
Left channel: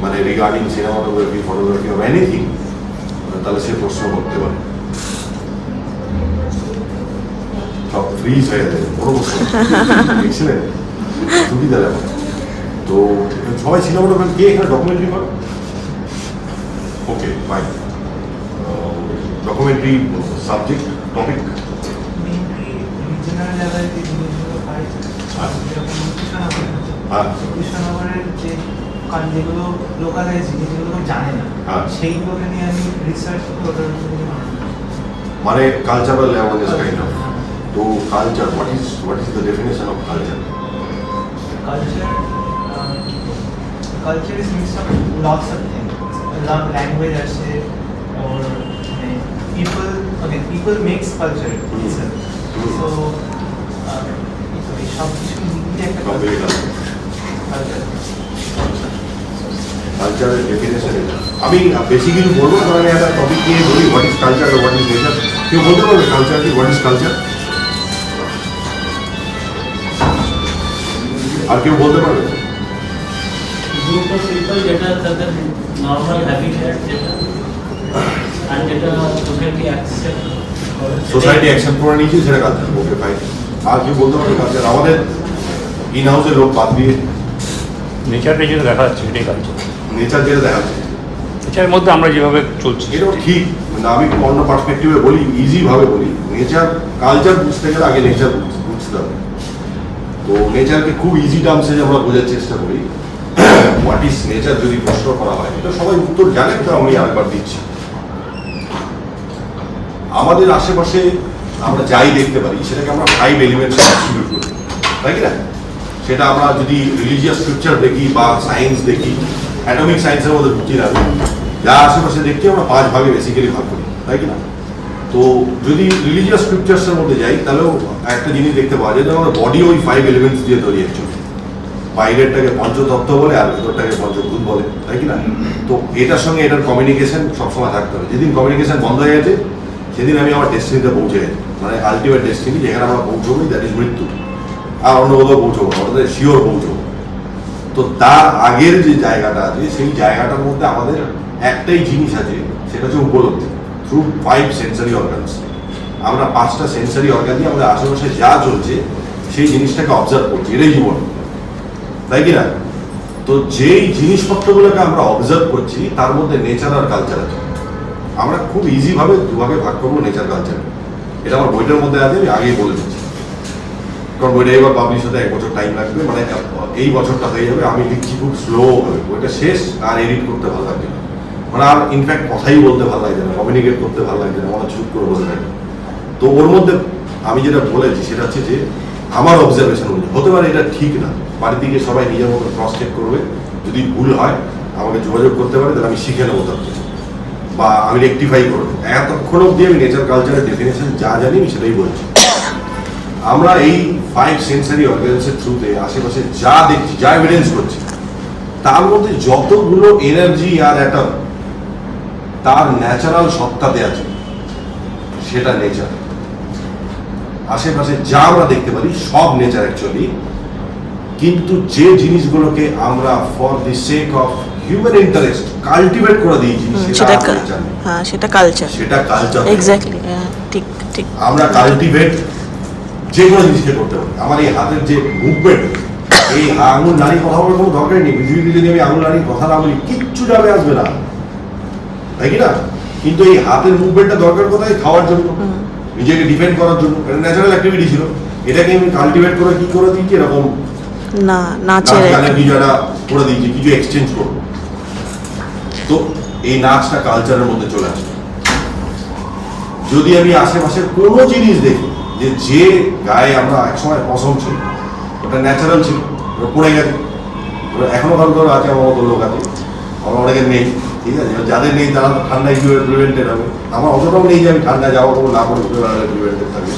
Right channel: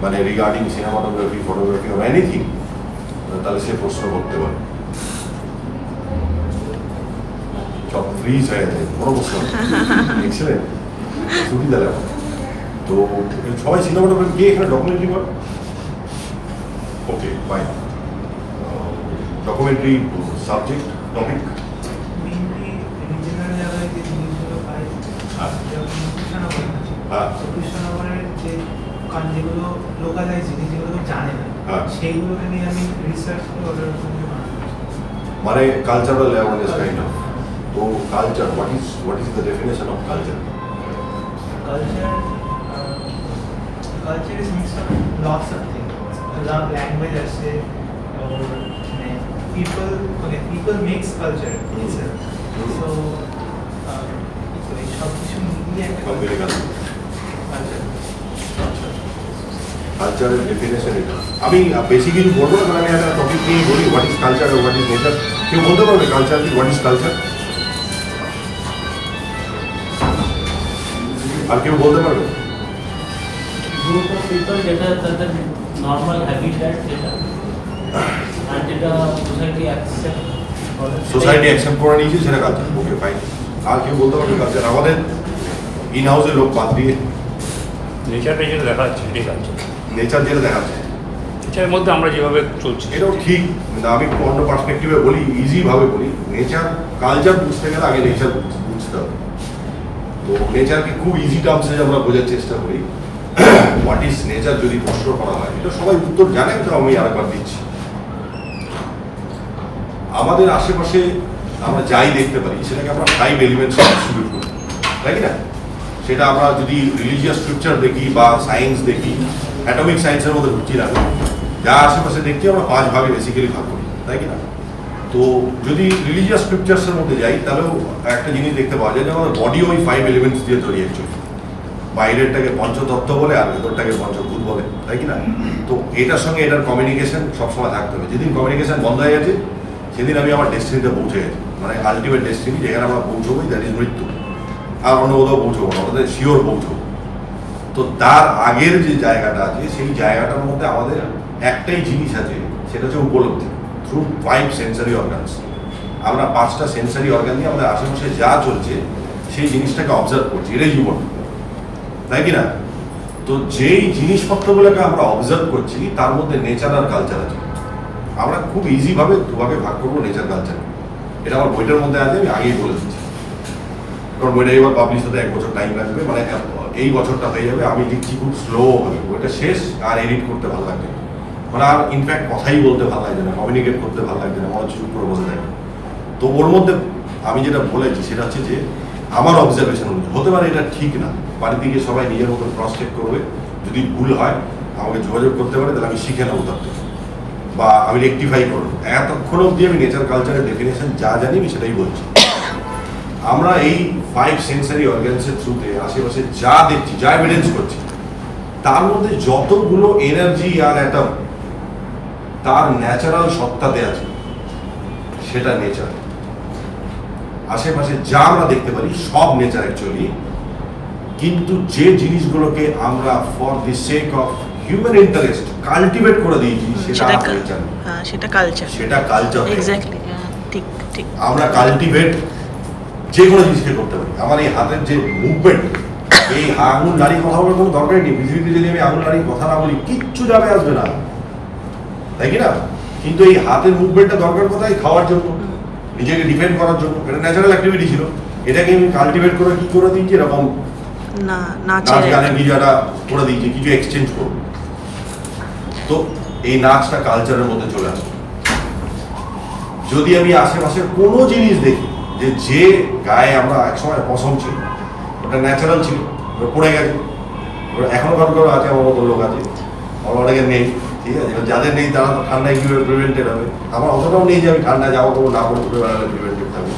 মানে regarding cinematography, photography or anything, তাহলে সে প্রশ্ন করতে পারে। সব ফ্রিজ হয়ে যায়, বড় প্রশ্ন দেখছিলেন সুবিধা দেওয়া। তো সবাই সিনেমাটোগ্রাফি গিয়ে এখানে ডকুমেন্টারি করে, okay fine. Documentary subject topic হ্যাঁ কৃষ্ণনগরের যে যেগুলো লোকালাইজ যেগুলো জানে না, সেইগুলোকে নিয়ে আমি রিসার্চ করে ওটার মানে কালচারাল অ্যাওয়ারনেস কাইন্ড অফ। তো culture, what is the definition of culture? culture is mixed up with lots of things. Language আছে, or people makes culture itself. So সব কিছু মিলিয়ে একটা culture. কালচারের ডেফিনেশন এটা। আমি বেশি কিছু বলবো না, আমি একটা টপিক নিয়ে বলি, what is culture, what is nature. কেউ বলতে পারবে কালচার কি, হোয়াট ইজ কালচার? আর কেউ বলতে পারবে? গ্রুপ অফ পিপল যেটা তাদের নর্মাল হ্যাবিটেট, যেটা আর যেটা সোসাইটি অ্যাকসেপ্ট করে নিয়েছে সেটা কালচার, ওকে ফাইন। আর কেউ বলতে পারবে কালচার? আমাদের ইন হাউসের লোক বাদ দিয়ে নেচারটা যেটা দেখা যাচ্ছে এটাই কালচার। নেচার যেটা দেখাচ্ছে, নেচারের মধ্যে আমরা যেভাবে চলছি এটাও ঠিক। মানে আমি অন্য পার্সপেক্টিভে বলি, ইজিভাবে বলি, নেচার কালচার বুঝতে গেলে আগে নেচার বুঝতে হবে। তো নেচারকে খুব ইজি টার্মসে আমরা বোঝার চেষ্টা করি। হোয়াট ইজ নেচার যদি প্রশ্ন করা হয়, এটা সবাই উত্তর জানেন, তো আমি আরেকবার দিচ্ছি। আমাদের আশেপাশে আমরা যাই দেখতে পারি সেটাকে আমরা 5 এলিমেন্টস ডিস্ট্রিবিউট করি, তাই কি না? সেটা আমরা যদি রিলিজিয়াস স্ক্রিপচার দেখি বা সায়েন্স দেখি, অ্যাটমিক সায়েন্সের মধ্যে ঢুকি না, যা আশেপাশে দেখি আমরা 5 ভাগে বেসিক্যালি ভাগ করি, তাই কি না? তো যদি রিলিজিয়াস স্ক্রিপচার্সের মধ্যে যাই তাহলেও একটা জিনিস দেখতে পাওয়া যায় যে আমাদের বডি ওই 5 এলিমেন্টস দিয়ে তৈরি অ্যাকচুয়ালি। বাইরেরটাকে পঞ্চতত্ত্ব বলে আর ভেতরটাকে পঞ্চভূত বলে, তাই কি না? তো এটার সঙ্গে এটার কমিউনিকেশন সবসময় থাকতে হবে। যেদিন কমিউনিকেশন বন্ধ হয়ে গেছে সেদিন আমি আমার ডেস্টিনিতে পৌঁছে গেছি, মানে আলটিমেট ডেস্টিনি যেখানে আমরা পৌঁছবোই, দ্যাট ইজ মৃত্যু। আর অন্য কোথাও পৌঁছবো না, ওটাতে শিওর পৌঁছবো। তো তার আগের যে জায়গাটা আছে সেই জায়গাটার মধ্যে আমাদের একটাই জিনিস আছে, সেটা হচ্ছে উপলব্ধি থ্রু 5 সেন্সারি অর্গানস। আমরা 5টা সেন্সারি অর্গান দিয়ে আমাদের আশেপাশে যা চলছে সেই জিনিসটাকে অবজার্ভ করছি, এটাই জীবন, তাই কি না? তো যেই জিনিসপত্রগুলোকে আমরা অবজার্ভ করছি তার মধ্যে নেচার আর কালচার আছে। আমরা খুব ইজিভাবে দুভাগে ভাগ করবো নেচার কালচার। এটা আমার বইটার মধ্যে আছে, আমি আগেই বলে দিচ্ছি, কারণ বইটা এবার পাবলিশ হতে 1 বছর টাইম লাগবে। মানে এই বছরটা হয়ে যাবে, আমি লিখছি খুব স্লো হবে, বইটা শেষ আর এডিট করতে ভালো লাগছে না, মানে আর ইনফ্যাক্ট কথাই বলতে ভালো লাগছে না, কমিউনিকেট করতে ভালো লাগছে না, মনে চুপ করে বসে থাকে। তো ওর মধ্যে আমি যেটা বলেছি সেটা হচ্ছে যে আমার অবজারভেশন অনুযায়ী, হতে পারে এটা ঠিক না, বাড়িতে গিয়ে সবাই নিজের মতো ক্রস চেক করবে, যদি ভুল হয় আমাকে যোগাযোগ করতে পারে, তাহলে আমি শিখে নেবো তার থেকে, বা আমি রেকটিফাই করবো। এতক্ষণ অবধি আমি নেচার কালচারের ডেফিনেশন যা জানি আমি সেটাই বলছি। আমরা এই 5 সেন্সারি অর্গানসের থ্রুতে আশেপাশে যা দেখছি, যা এভিডেন্স করছি, তার মধ্যে যতগুলো এনার্জি আর অ্যাটম তার ন্যাচারাল সত্তাতে আছে সেটা নেচার। আশেপাশে যা আমরা দেখতে পারি সব নেচার অ্যাকচুয়ালি, কিন্তু যে জিনিসগুলোকে আমরা for the sake of human interest cultivate করে দিয়েছি সেটা কালচার, হ্যাঁ সেটা কালচার, সেটা কালচার। এক্স্যাক্টলি, ঠিক ঠিক। আমরা কাল্টিভেট যে কোনো জিনিসকে করতে পারি। আমার এই হাতের যে মুভমেন্ট, এই আঙুল নাড়ি কথা বলার কোনো দরকারই নেই। পৃথিবীতে যদি আমি আঙুল নাড়ি কথা না বলি কিচ্ছু যাবে আসবে না, তাই কি না? কিন্তু এই হাতের মুভমেন্টটা দরকার কোথায়? খাওয়ার জন্য, নিজেকে ডিফেন্ড করার জন্য। এটা ন্যাচারাল অ্যাক্টিভিটি ছিল, এটাকে আমি কাল্টিভেট করে কি করে দিয়েছি, এরকম না নাচ নাচের গানের কিছু একটা করে দিয়েছি, কিছু এক্সচেঞ্জ করবো। তো এই নাচটা কালচারের মধ্যে চলে আসে। যদি আমি আশেপাশের কোনো জিনিস দেখি যে গায়ে আমরা একসময় পছন্দ ছিল, ওটা ন্যাচারাল ছিল, ওটা পড়ে গেছে, ওটা এখনো কারো কারো আছে, আমার মতো লোক আছে, আমার অনেকের নেই, ঠিক আছে? যাদের নেই তারা তো ঠান্ডায় কীভাবে প্রিভেন্টেড হবে। আমার অতটাও নেই যে আমি ঠান্ডা যাওয়া করবো না করে উঠে বেড়ালে প্রিভেন্টেড থাকবে।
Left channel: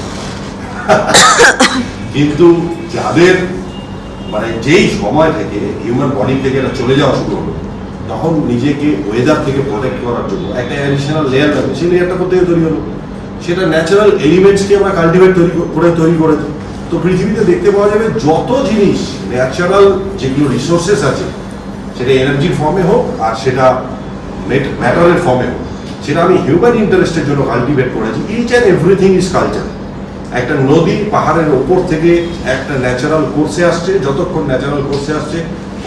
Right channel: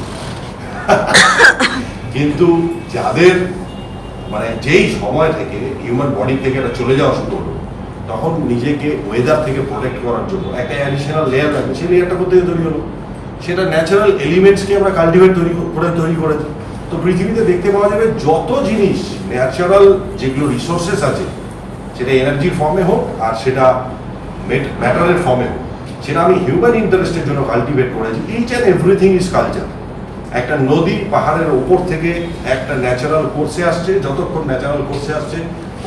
কিন্তু যাদের মানে যেই সময় থেকে হিউম্যান বডি থেকে এটা চলে যাওয়া শুরু হলো, তখন নিজেকে ওয়েদার থেকে প্রোটেক্ট করার জন্য একটা অ্যাডিশনাল লেয়ার লাগবে। সেই লেয়ারটা কোথা থেকে তৈরি হলো? সেটা ন্যাচারাল এলিমেন্টসকে আমরা কাল্টিভেট তৈরি করেছি। তো পৃথিবীতে দেখতে পাওয়া যাবে যত জিনিস ন্যাচারাল যেগুলো রিসোর্সেস আছে, সেটা এনার্জির ফর্মে হোক আর সেটা ম্যাটারের ফর্মে হোক, সেটা আমি হিউম্যান ইন্টারেস্টের জন্য কাল্টিভেট করেছি। Each and everything is culture. একটা নদী পাহাড়ের ওপর থেকে একটা ন্যাচারাল কোর্সে আসছে, যতক্ষণ ন্যাচারাল কোর্সে আসছে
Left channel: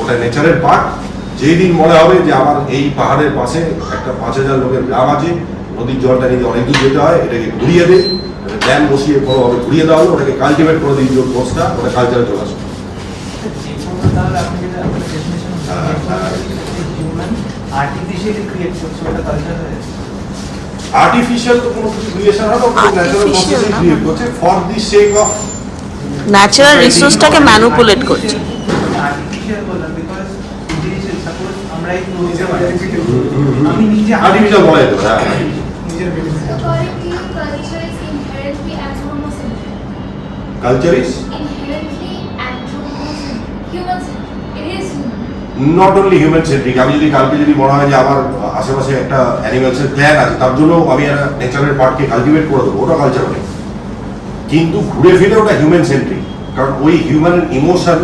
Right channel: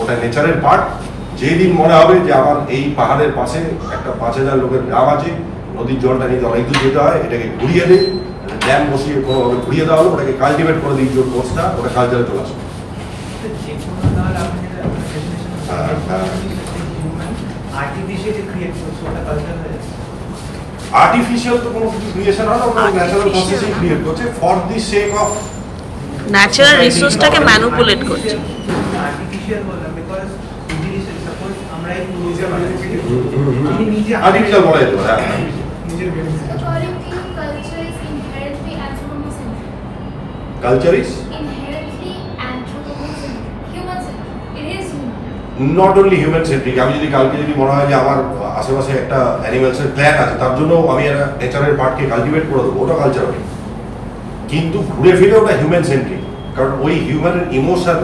ওটা নেচারের পার্ট। যেই দিন মনে হবে যে আমার এই পাহাড়ের পাশে একটা 5,000 লোকের গ্রাম আছে, নদীর জলটা নিতে অনেক দূর যেতে হয়, এটাকে ঘুরিয়ে দিই, ড্যাম বসিয়ে কোনোভাবে ঘুরিয়ে দেওয়া হলো, ওটাকে কাল্টিভেট করে দিই, যে কোর্সটা ওটা কালচারে চলে আসবে। আর্টিফিশিয়ালি ক্রিয়েট করছে, ওটা কালচার হয়ে যাচ্ছে। আর্টিফিশিয়াল তো কোনো কিছু ক্রিয়েশন হয় না, ওটা ন্যাচারাল প্রসেসে ক্রিয়েট করছে for the sake of natural রিসোর্সটাকে ম্যানিপুলেট করছে। আর্টিফিশিয়াল বললাম বিকজ সাপোজ আমরা এই ক্লোজে আমি নিজে আর্টিফিশিয়াল বলা যেতে পারে। নিজের According to you, culture is inherently anthropocentric. Culture is Inherently anthropocentric. Human-centric. It is human. Not only human centric. আমি যদি কালকে যদি মনে হয় যে আমার আশেপাশে একটা অ্যানিমালসের প্ল্যান আছে, তার জন্য আমি একটা নেচারের পার্টকে কালটিভেট করে দেবো, ওটা কালচার হবে। কিন্তু ঘুরে ফিরে ওটা হিউম্যান সেন্ট্রিক, কারণ ওই হিউম্যানের ইমোশন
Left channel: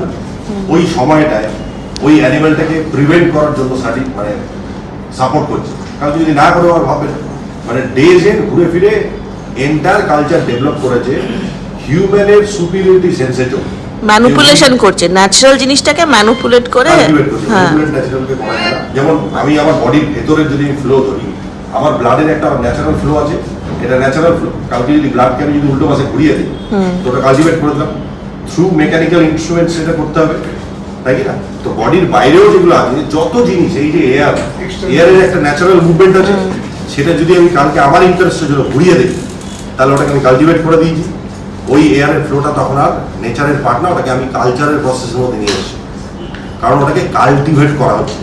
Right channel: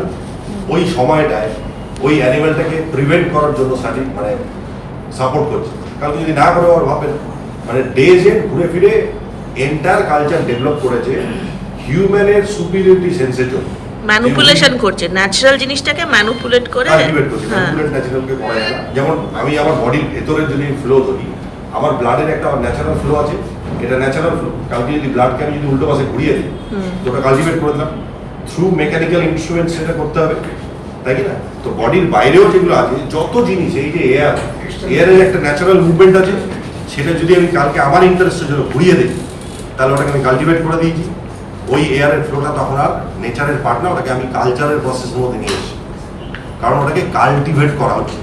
ওই সময়টায় ওই অ্যানিমালটাকে প্রিভেন্ট করার জন্য মানে সাপোর্ট করছে। কালকে যদি না করে আর ভাবে মানে ডেজ এন্ড ঘুরে ফিরে এন্টার কালচার ডেভেলপ করেছে হিউম্যানের সুপিরিয়রিটি সেন্সের জন্য। ম্যানিপুলেশন করছে, ন্যাচারাল জিনিসটাকে ম্যানিপুলেট করে। কাল্টিভেট করছে, হ্যাঁ, ম্যানিপুলেট ন্যাচারালকে করা যায় না। যেমন আমি আমার বডির ভেতরের যদি ফ্লো ধরি, আমার ব্লাডের একটা ন্যাচারাল ফ্লো আছে, এটা ন্যাচারাল ফ্লো। কালকে যদি ব্লাডকে আমি যদি উল্টো পাশে ঘুরিয়ে দিই, তো ওটা কাল্টিভেট করে দিলাম। থ্রু মেকানিক্যাল ইনস্ট্রুমেন্ট সেটা করতে হবে, তাই কি না? তো বডির বাইরেও যেগুলো আছে যত জিনিস, এই যে এয়ারের একটা ন্যাচারাল মুভমেন্ট আছে, সেটা যদি আমি কালকে আমার ইন্টারেস্টের জন্য ঘুরিয়ে দিই, তাহলে ওটাকে আমি কাল্টিভেট করে দিয়েছি। ওই এয়ারের ফ্লোটা তখন আর নেচারের পার্ট না, ওটাকে আমি কালচারের প্রসেসের মধ্যে নিয়ে এসেছি, কারণ ওটাকে কাল্টিভেট করা হচ্ছে।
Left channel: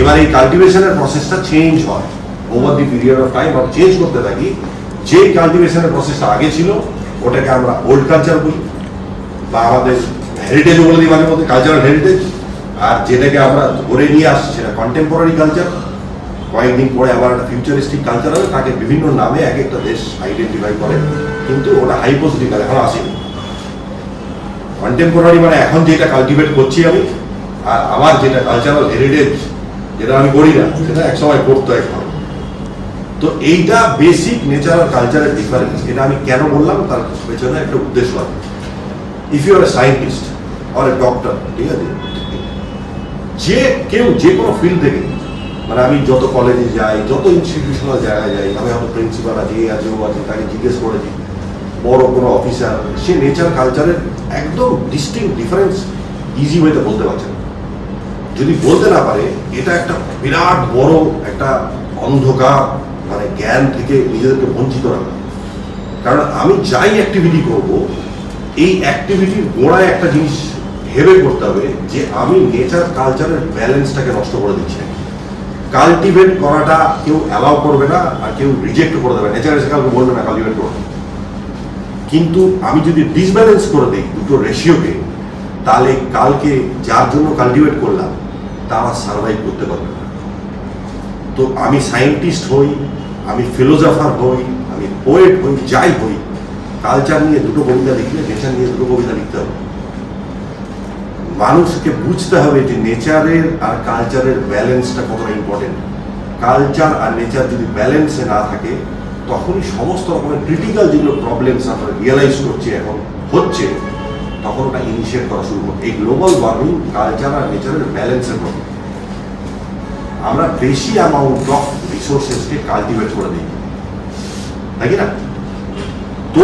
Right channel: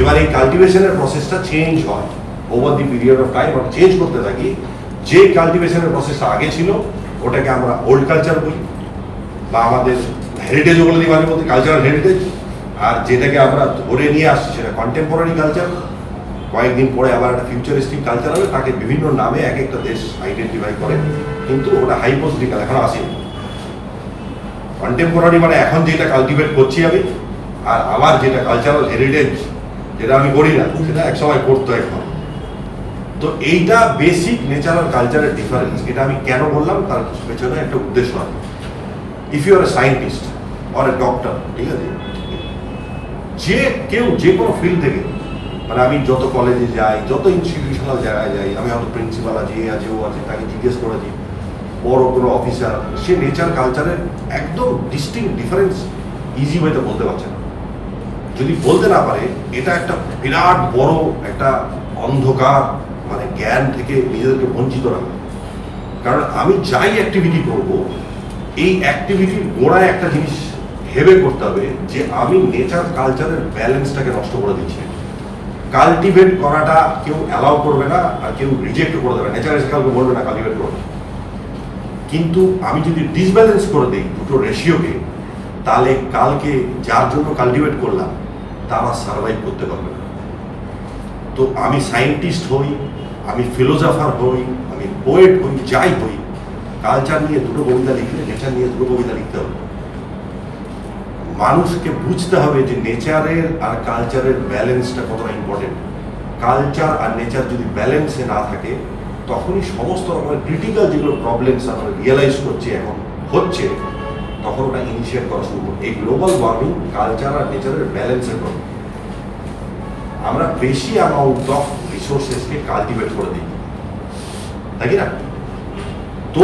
এবার এই কাল্টিভেশনের প্রসেসটা চেঞ্জ হয় over the period of time, আর চেঞ্জ করতে থাকি। যে কাল্টিভেশনের প্রসেসটা আগে ছিল ওটাকে আমরা ওল্ড কালচার বলি, বা আমাদের হেরিটেজও বলে দিই মাঝে মধ্যে, কালচারাল হেরিটেজ। আর যেটাকে আমরা ধরে নিয়ে আসছি সেটা কন্টেম্পোরারি কালচার। কয়েকদিন পরে আবার একটা ফিউচারিস্টিক কালচার হবে, তাকে বিভিন্ন নামে এক একটা দেশ আইডেন্টিফাই করে, কিন্তু ওটা হাইপোথেটিক্যাল, এখন আসেনি। কন্টেম্পোরারি মানে এখন যেটা কাল্টিভেট করছি আমি, আর আমার যেটা কালচারাল হেরিটেজ, যেটা আমি করি না, সেটা একসময় করতো এখন। তো এইটা বেসিক নেচারাল কালচারের ডিফারেন্স। এটা আমি কেন বললাম তার পেছনে একটা উদ্দেশ্য আছে। If you are a scientist or a doctor, ঠিক আছে, যে কোনো ফিল্ড থেকে, মানে আমি যত কলেজে যাই, যত ইনস্টিটিউশনাল জায়গায় যাই, আমি হয়তো প্রিন্সিপাল আছে, এ আছে, ও আছে, তাকে জিজ্ঞেস করেছি, বড় কোনো অফিসার, সে নেচার কালচারের একদম ডিস্টিংক্ট ডিফারেন্স ইজি ওয়েতে বলতে পারছে না। যদি বলতে না পারে, এটা একটা বিরাট বড় একটা অন্ধকার, মানে জ্ঞান থেকে নিজেদেরকে বঞ্চিত রাখা। কারণ আমি যাই অ্যাক্টিভিটি করব, এই অ্যাক্টিভিটির গোড়ায় একটা জিনিস ভেবে করতে হবে যে আমি নেচার কালচারের ব্যালেন্সটাকে নষ্ট করে দিচ্ছি। কাল্টিভেট করাটা কেউ অ্যালাউ করবে না, আর কেউ রিজেক্ট করে দেবে। নেচার এসে কাউকে বলবে না কাল্টিভেট করবে, কিন্তু আমি যদি ডিসব্যালেন্স করে দিই দুটো রেশিওকে, তাহলে কালকে যার জন্য কাল্টিভেট করলাম তারা সার্ভাইভ করতে পারবে না। তো আমি সায়েন্টিস্ট হই, আমি ফিলোসফার হই, আমি পোয়েট হই, যাই হই, কালচার নিয়ে দুটো কবিতা লিখলে নেচার নিয়ে দুটো কবিতা লিখতে হবে। মানুষকে বুঝতে হবে যে নেচারের আর কালচারের ব্যালেন্সটা কতটা ইম্পর্টেন্ট। কালচার আর নেচার যদি ব্যালেন্সে না থাকে, তখনই সমস্ত রকমের ক্রিটিক্যাল যেগুলো প্রবলেমস আমরা রিয়েলাইজ করছি এখন হচ্ছে, তখন ওটা ইনিশিয়েট করা শুরু করবে। এই গ্লোবাল ওয়ার্মিং কালচার আর নেচারের ব্যালেন্সের প্রবলেম। আমরা বেশি অ্যামাউন্ট অফ রিসোর্সেসকে কাল্টিভেট করে দিই, তাই কি না? তো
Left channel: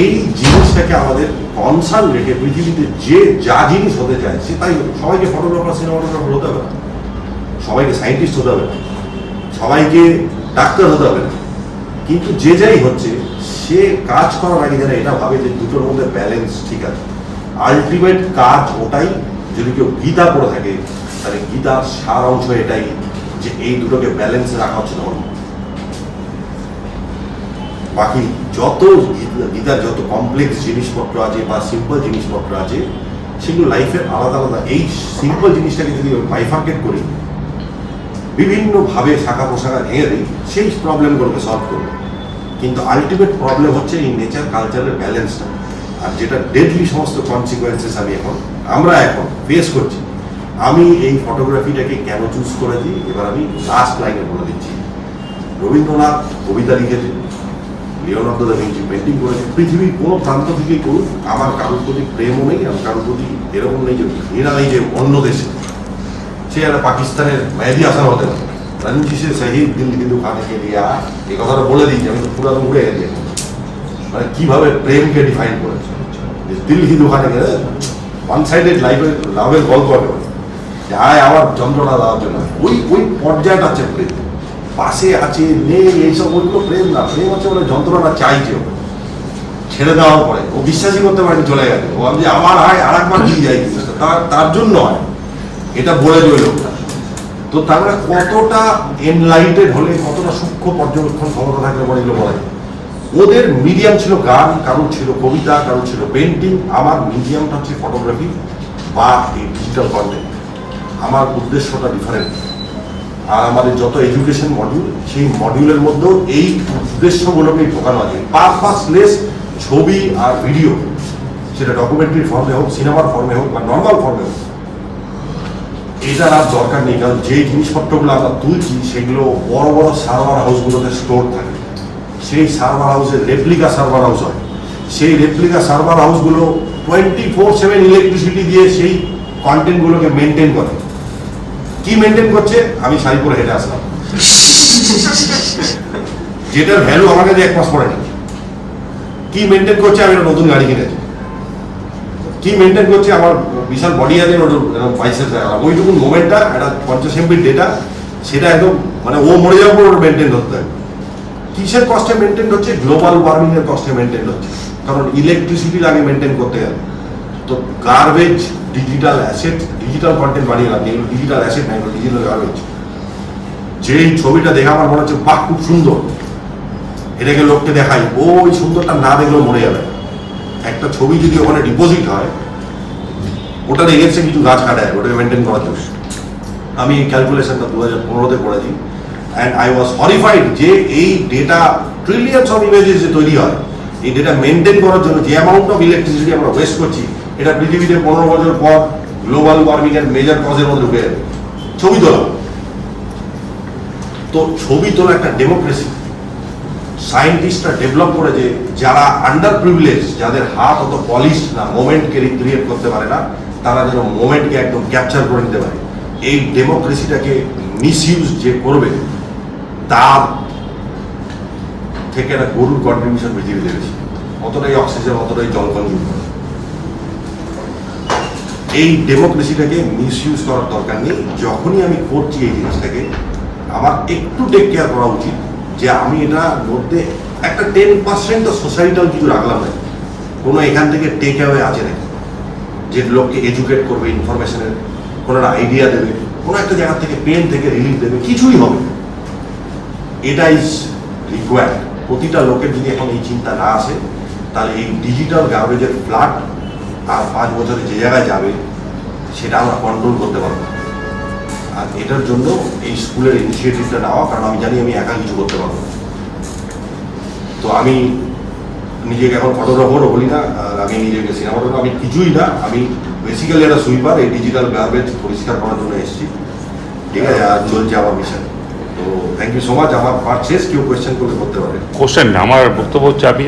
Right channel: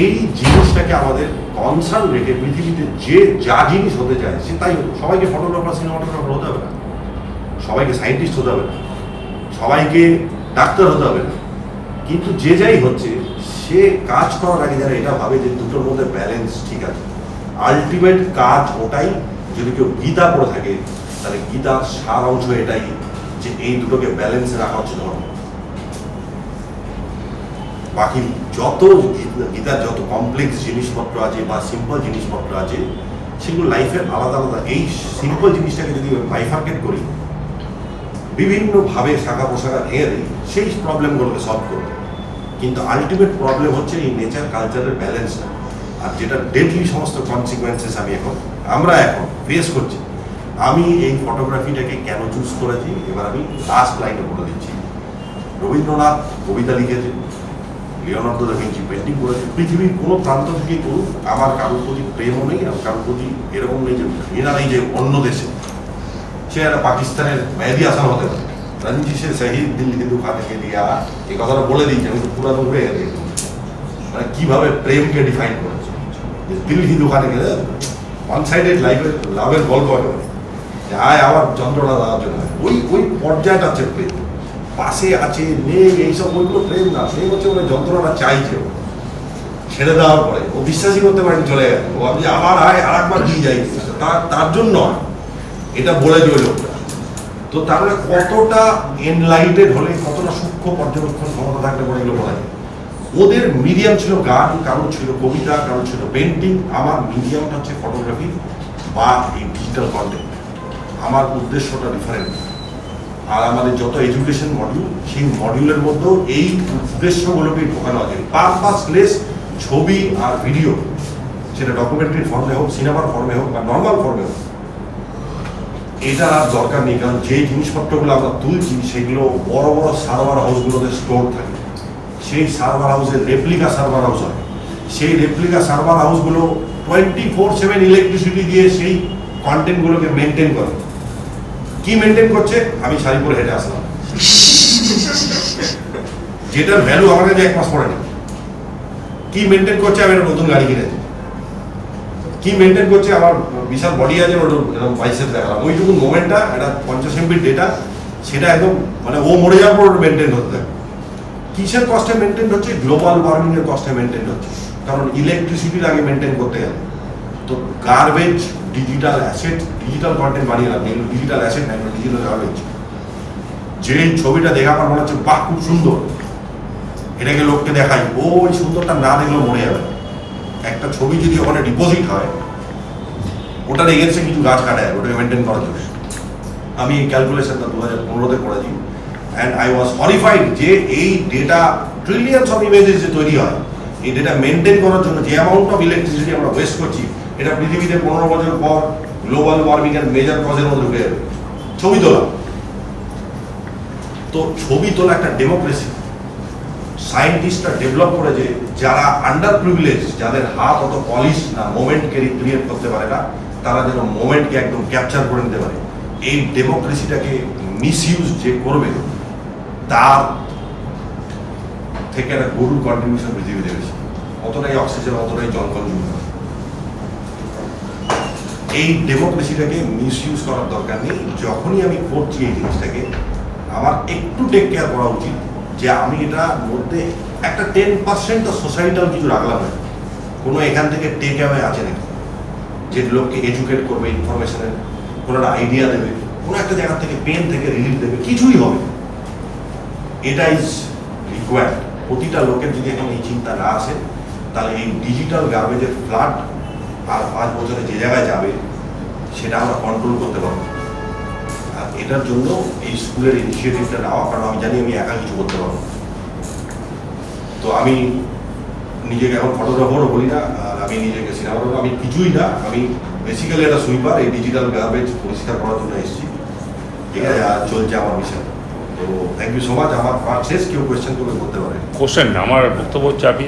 এই জিনিসটাকে আমাদের কনসার্ন রেখে পৃথিবীতে যে যা জিনিস হতে চায় সে তাই হতো। সবাইকে ফটোগ্রাফার সিনেমাটোগ্রাফার হতে হবে না, সবাইকে সায়েন্টিস্ট হতে হবে না, সবাইকে ডাক্তার হতে হবে না, কিন্তু যে যাই হচ্ছে সে কাজ করার আগে যেন এটা ভাবে যে দুটোর মধ্যে ব্যালেন্স ঠিক আছে। আলটিমেট কাজ ওটাই। যদি কেউ গীতা পড়ে থাকে তাহলে গীতার সার অংশ এটাই যে এই দুটোকে ব্যালেন্সে রাখা হচ্ছে ধর্ম। বাকি যত গীতার যত কমপ্লেক্স জিনিসপত্র আছে বা সিম্পল জিনিসপত্র আছে সেগুলো লাইফের আলাদা আলাদা। এই সিম্পল জিনিসটাকে যদি বাইফার্কেট করি, বিভিন্নভাবে শাখা পোশাখা ভেঙে দিই, সেই প্রবলেমগুলোকে সলভ করবে। কিন্তু আলটিমেট প্রবলেম হচ্ছে এই নেচার কালচারের ব্যালেন্সটা। আর যেটা ডেডলি সমস্ত কনসিকুয়েন্সেস আমরা এখন ফেস করছি। আমি এই ফটোগ্রাফিটাকে কেন চুজ করেছি এবার আমি লাস্ট লাইনে বলে দিচ্ছি। রবীন্দ্রনাথ কবিতা লিখেছে, লিওনার্দো দা ভিঞ্চি পেন্টিং করেছে। পৃথিবীর কোনো প্রান্ত থেকেই করুক, আমার কারোর প্রতি প্রেমও নেই, আর কারোর প্রতি এরকম নেই যে ঘৃণা নেই যে অন্য দেশে সে একটা পাকিস্তানের মেহেদি হাসান হতে পারে। রঞ্জি সে শহীদ দিল হিন্দু খানে কে দিয়া, এই কথাটা বলে দিয়েছি আমি, তো পুরানো উড়ে গেছি এখন। মানে কিভাবে প্রেমকে ডিফাইন করেছে, দিল হিন্দু খানে গেলে ওয়ান সাইডেড লাইফের লাভের গল্প একেবারে, যে আয় আমার যন্ত্রণা লাভের নয়, ওই পর্যায়টা হচ্ছে প্রেম। পাশে আছে নেই এইসব ওইগুলো প্রেম না। প্রেম হচ্ছে ওরা যন্ত্রণাটা চাইছে, ও ছেড়ে দেওয়ার পরে ও বিশ্বাসই করতে পারেনি চলে গেছে। ও ভাবছে আমার হয় আর একবার দিয়ে যাই, তার জন্য হয় এটা বলে যে ওই লোকটা। তো তার মানে কতটা এনলাইটেড হলে, কতটা সূক্ষ্ম পর্যবেক্ষণ ক্ষমতা থাকলে পরে এগুলো বলা যায়। ওদের মিডিয়াম ছিল গান, কারোর ছিল কবিতা, কারোর ছিল পেন্টিং। আমার মিডিয়ামটা হচ্ছে ফটোগ্রাফি বা এই ডিজিটাল কন্টেন্ট। আমার উদ্দেশ্যটা ডিফারেন্ট। আর আমাদের যত এডুকেশন মডিউল, সেই মডিউলের মধ্যেও এই উদ্দেশ্যগুলোকেই ঢোকানো আছে। পারপাসলেস ছবি আর ভিডিও, সেটা ডকুমেন্টারির ফর্মে হোক, সিনেমার ফর্মে হোক বা নর্মাল ফর্মে হোক, এটার আর দরকার নেই। কারণ যে জিনিসপত্রগুলো আমরা তুলছি সেগুলো বড় বড় সার্ভার হাউসগুলোতে স্টোর থাকে। সেই সার্ভার হাউসে রেপ্লিকা সার্ভার হাউস হয়। সেই রেপ্লিকা সার্ভার হাউসগুলো 24/7 ইলেকট্রিসিটি দিয়ে সেই কন্টেন্টগুলোকে মেনটেন করে। কি মেনটেন করছে? আমি শাড়ি পরে হেঁটে আসলাম, যেটার ভ্যালু আমার কাছে 1 মাস পরে নেই। কি মেনটেন করছে? আমি একটা নতুন গাড়ি কিনেছি। কি মেনটেন করছে? আমার বিশাল বডি আছে, এরকম বাইসেপস দেখালাম। ওইটুকু মোমেন্টটা একটা 50 MB ডেটা, সেটা একদম মানে ও মরে যাওয়ার পর ওটা মেনটেন হতে থাকে। কিসের কস্টে মেনটেন হচ্ছে? গ্লোবাল ওয়ার্মিং এর কস্টে মেনটেন হচ্ছে। কারণ ইলেকট্রিসিটির আগে মেনটেন করতে গেলে তো garbage, digital asset, digital content বানিয়ে রাখবে। এগুলো ডিজিটাল অ্যাসেট নাই, ডিজিটাল গার্বেজ। যেই ছবিটা দেখে আমার মনে হচ্ছে বাহ খুব সুন্দর, এটাকে লোককে দেখাই, ওই সুন্দরটা না দেখলেও মরে যাবে। একটা ছবি যদি ওখানে ডিপোজিট হয়, ওটা এগেন্সে কিছু গাছ কাটায় ওটাকে মেনটেন করার জন্য। আমি এই ক্যালকুলেশনটা 2015-তে করেছি, অ্যান্ড আই ওয়াজ হরিফাইড যে এই ডেটা ট্রিলিয়নস অফ ইমেজেস যে তৈরি হয়, এই ডেটা মেনটেন করার জন্য যে অ্যামাউন্ট অফ ইলেকট্রিসিটি আমরা ওয়েস্ট করছি, এটা পৃথিবীতে 15 বছর পর গ্লোবাল ওয়ার্মিং এর মেজর কজের মধ্যে ঢুকে যাবে। ছবি তোলা, তো ছবি তোলা একটা ডেমোক্রেসি। সায়েন্টিস্টরা ডেভেলপ করেছে যারা আন্ডার প্রিভিলেজ, যাদের হাত অত পলিশ না, মোমেন্টকে রিক্রিয়েট করতে পারে না, তারা যেন মোমেন্টকে একদম ক্যাপচার করে নিতে পারে। এই ডেমোক্রেসিটাকে মিসইউজ যে করবে তার থেকে একটা গরুর কন্ট্রিবিউশন পৃথিবীতে বেশি। অতটাই অক্সিজেন, অতটাই জল কনজিউম করে। এই ডেমোক্রেসিটাকে মিসইউজ করার দরকার নেই। যখনই আমি করছি এই জিনিসটাকে, আমার একটু টেক কেয়ার করা উচিত যে আমি এটার মধ্যে একটা 10% সোসাইটাল কিছু রাখলাম নাকি, কোনো এখান থেকে টেক অ্যাওয়ে আছে নাকি, যে লোককে এডুকেট করবে, ইনফরমেশনের কোনো একটা আইডিয়া দেবে, কোনো একটা জায়গা থেকে পেন থেকে রিলিফ দেবে, কিছুই হবে। এটা ইজ রিকোয়ার্ড। প্রতিটা লোকের যদি এখন এই চিন্তা না আসে, তাহলে এই ডিজিটাল গার্বেজের ফ্লাড আর 5 বছরে যে জায়গায় যাবে সেটা আমরা কন্ট্রোল করতে পারবো। আর এটার জন্য এই স্কুলের ইনিশিয়েটিভটা নেওয়া, কারণ আমি জানি আমি একা কিছু করতে পারবো। তো আমি নিজেকে এখন ফটোগ্রাফারও বলি না, আর আমি নিজেকে সিনেমাটোগ্রাফার আমি কিছুই না, আমি বেসিক্যালি একটা সুইপার, এই ডিজিটাল গার্বেজ পরিষ্কার করার জন্য এসেছি, ঠিক আছে, আর চলছে আমার মিশন। তো থ্যাংক ইউ সো মাচ, আমার পার্ট শেষ, কেউ কোয়েশ্চেন করলে করতে পারে। কোশ্চেন আমার বক্তব্য হচ্ছে আপনি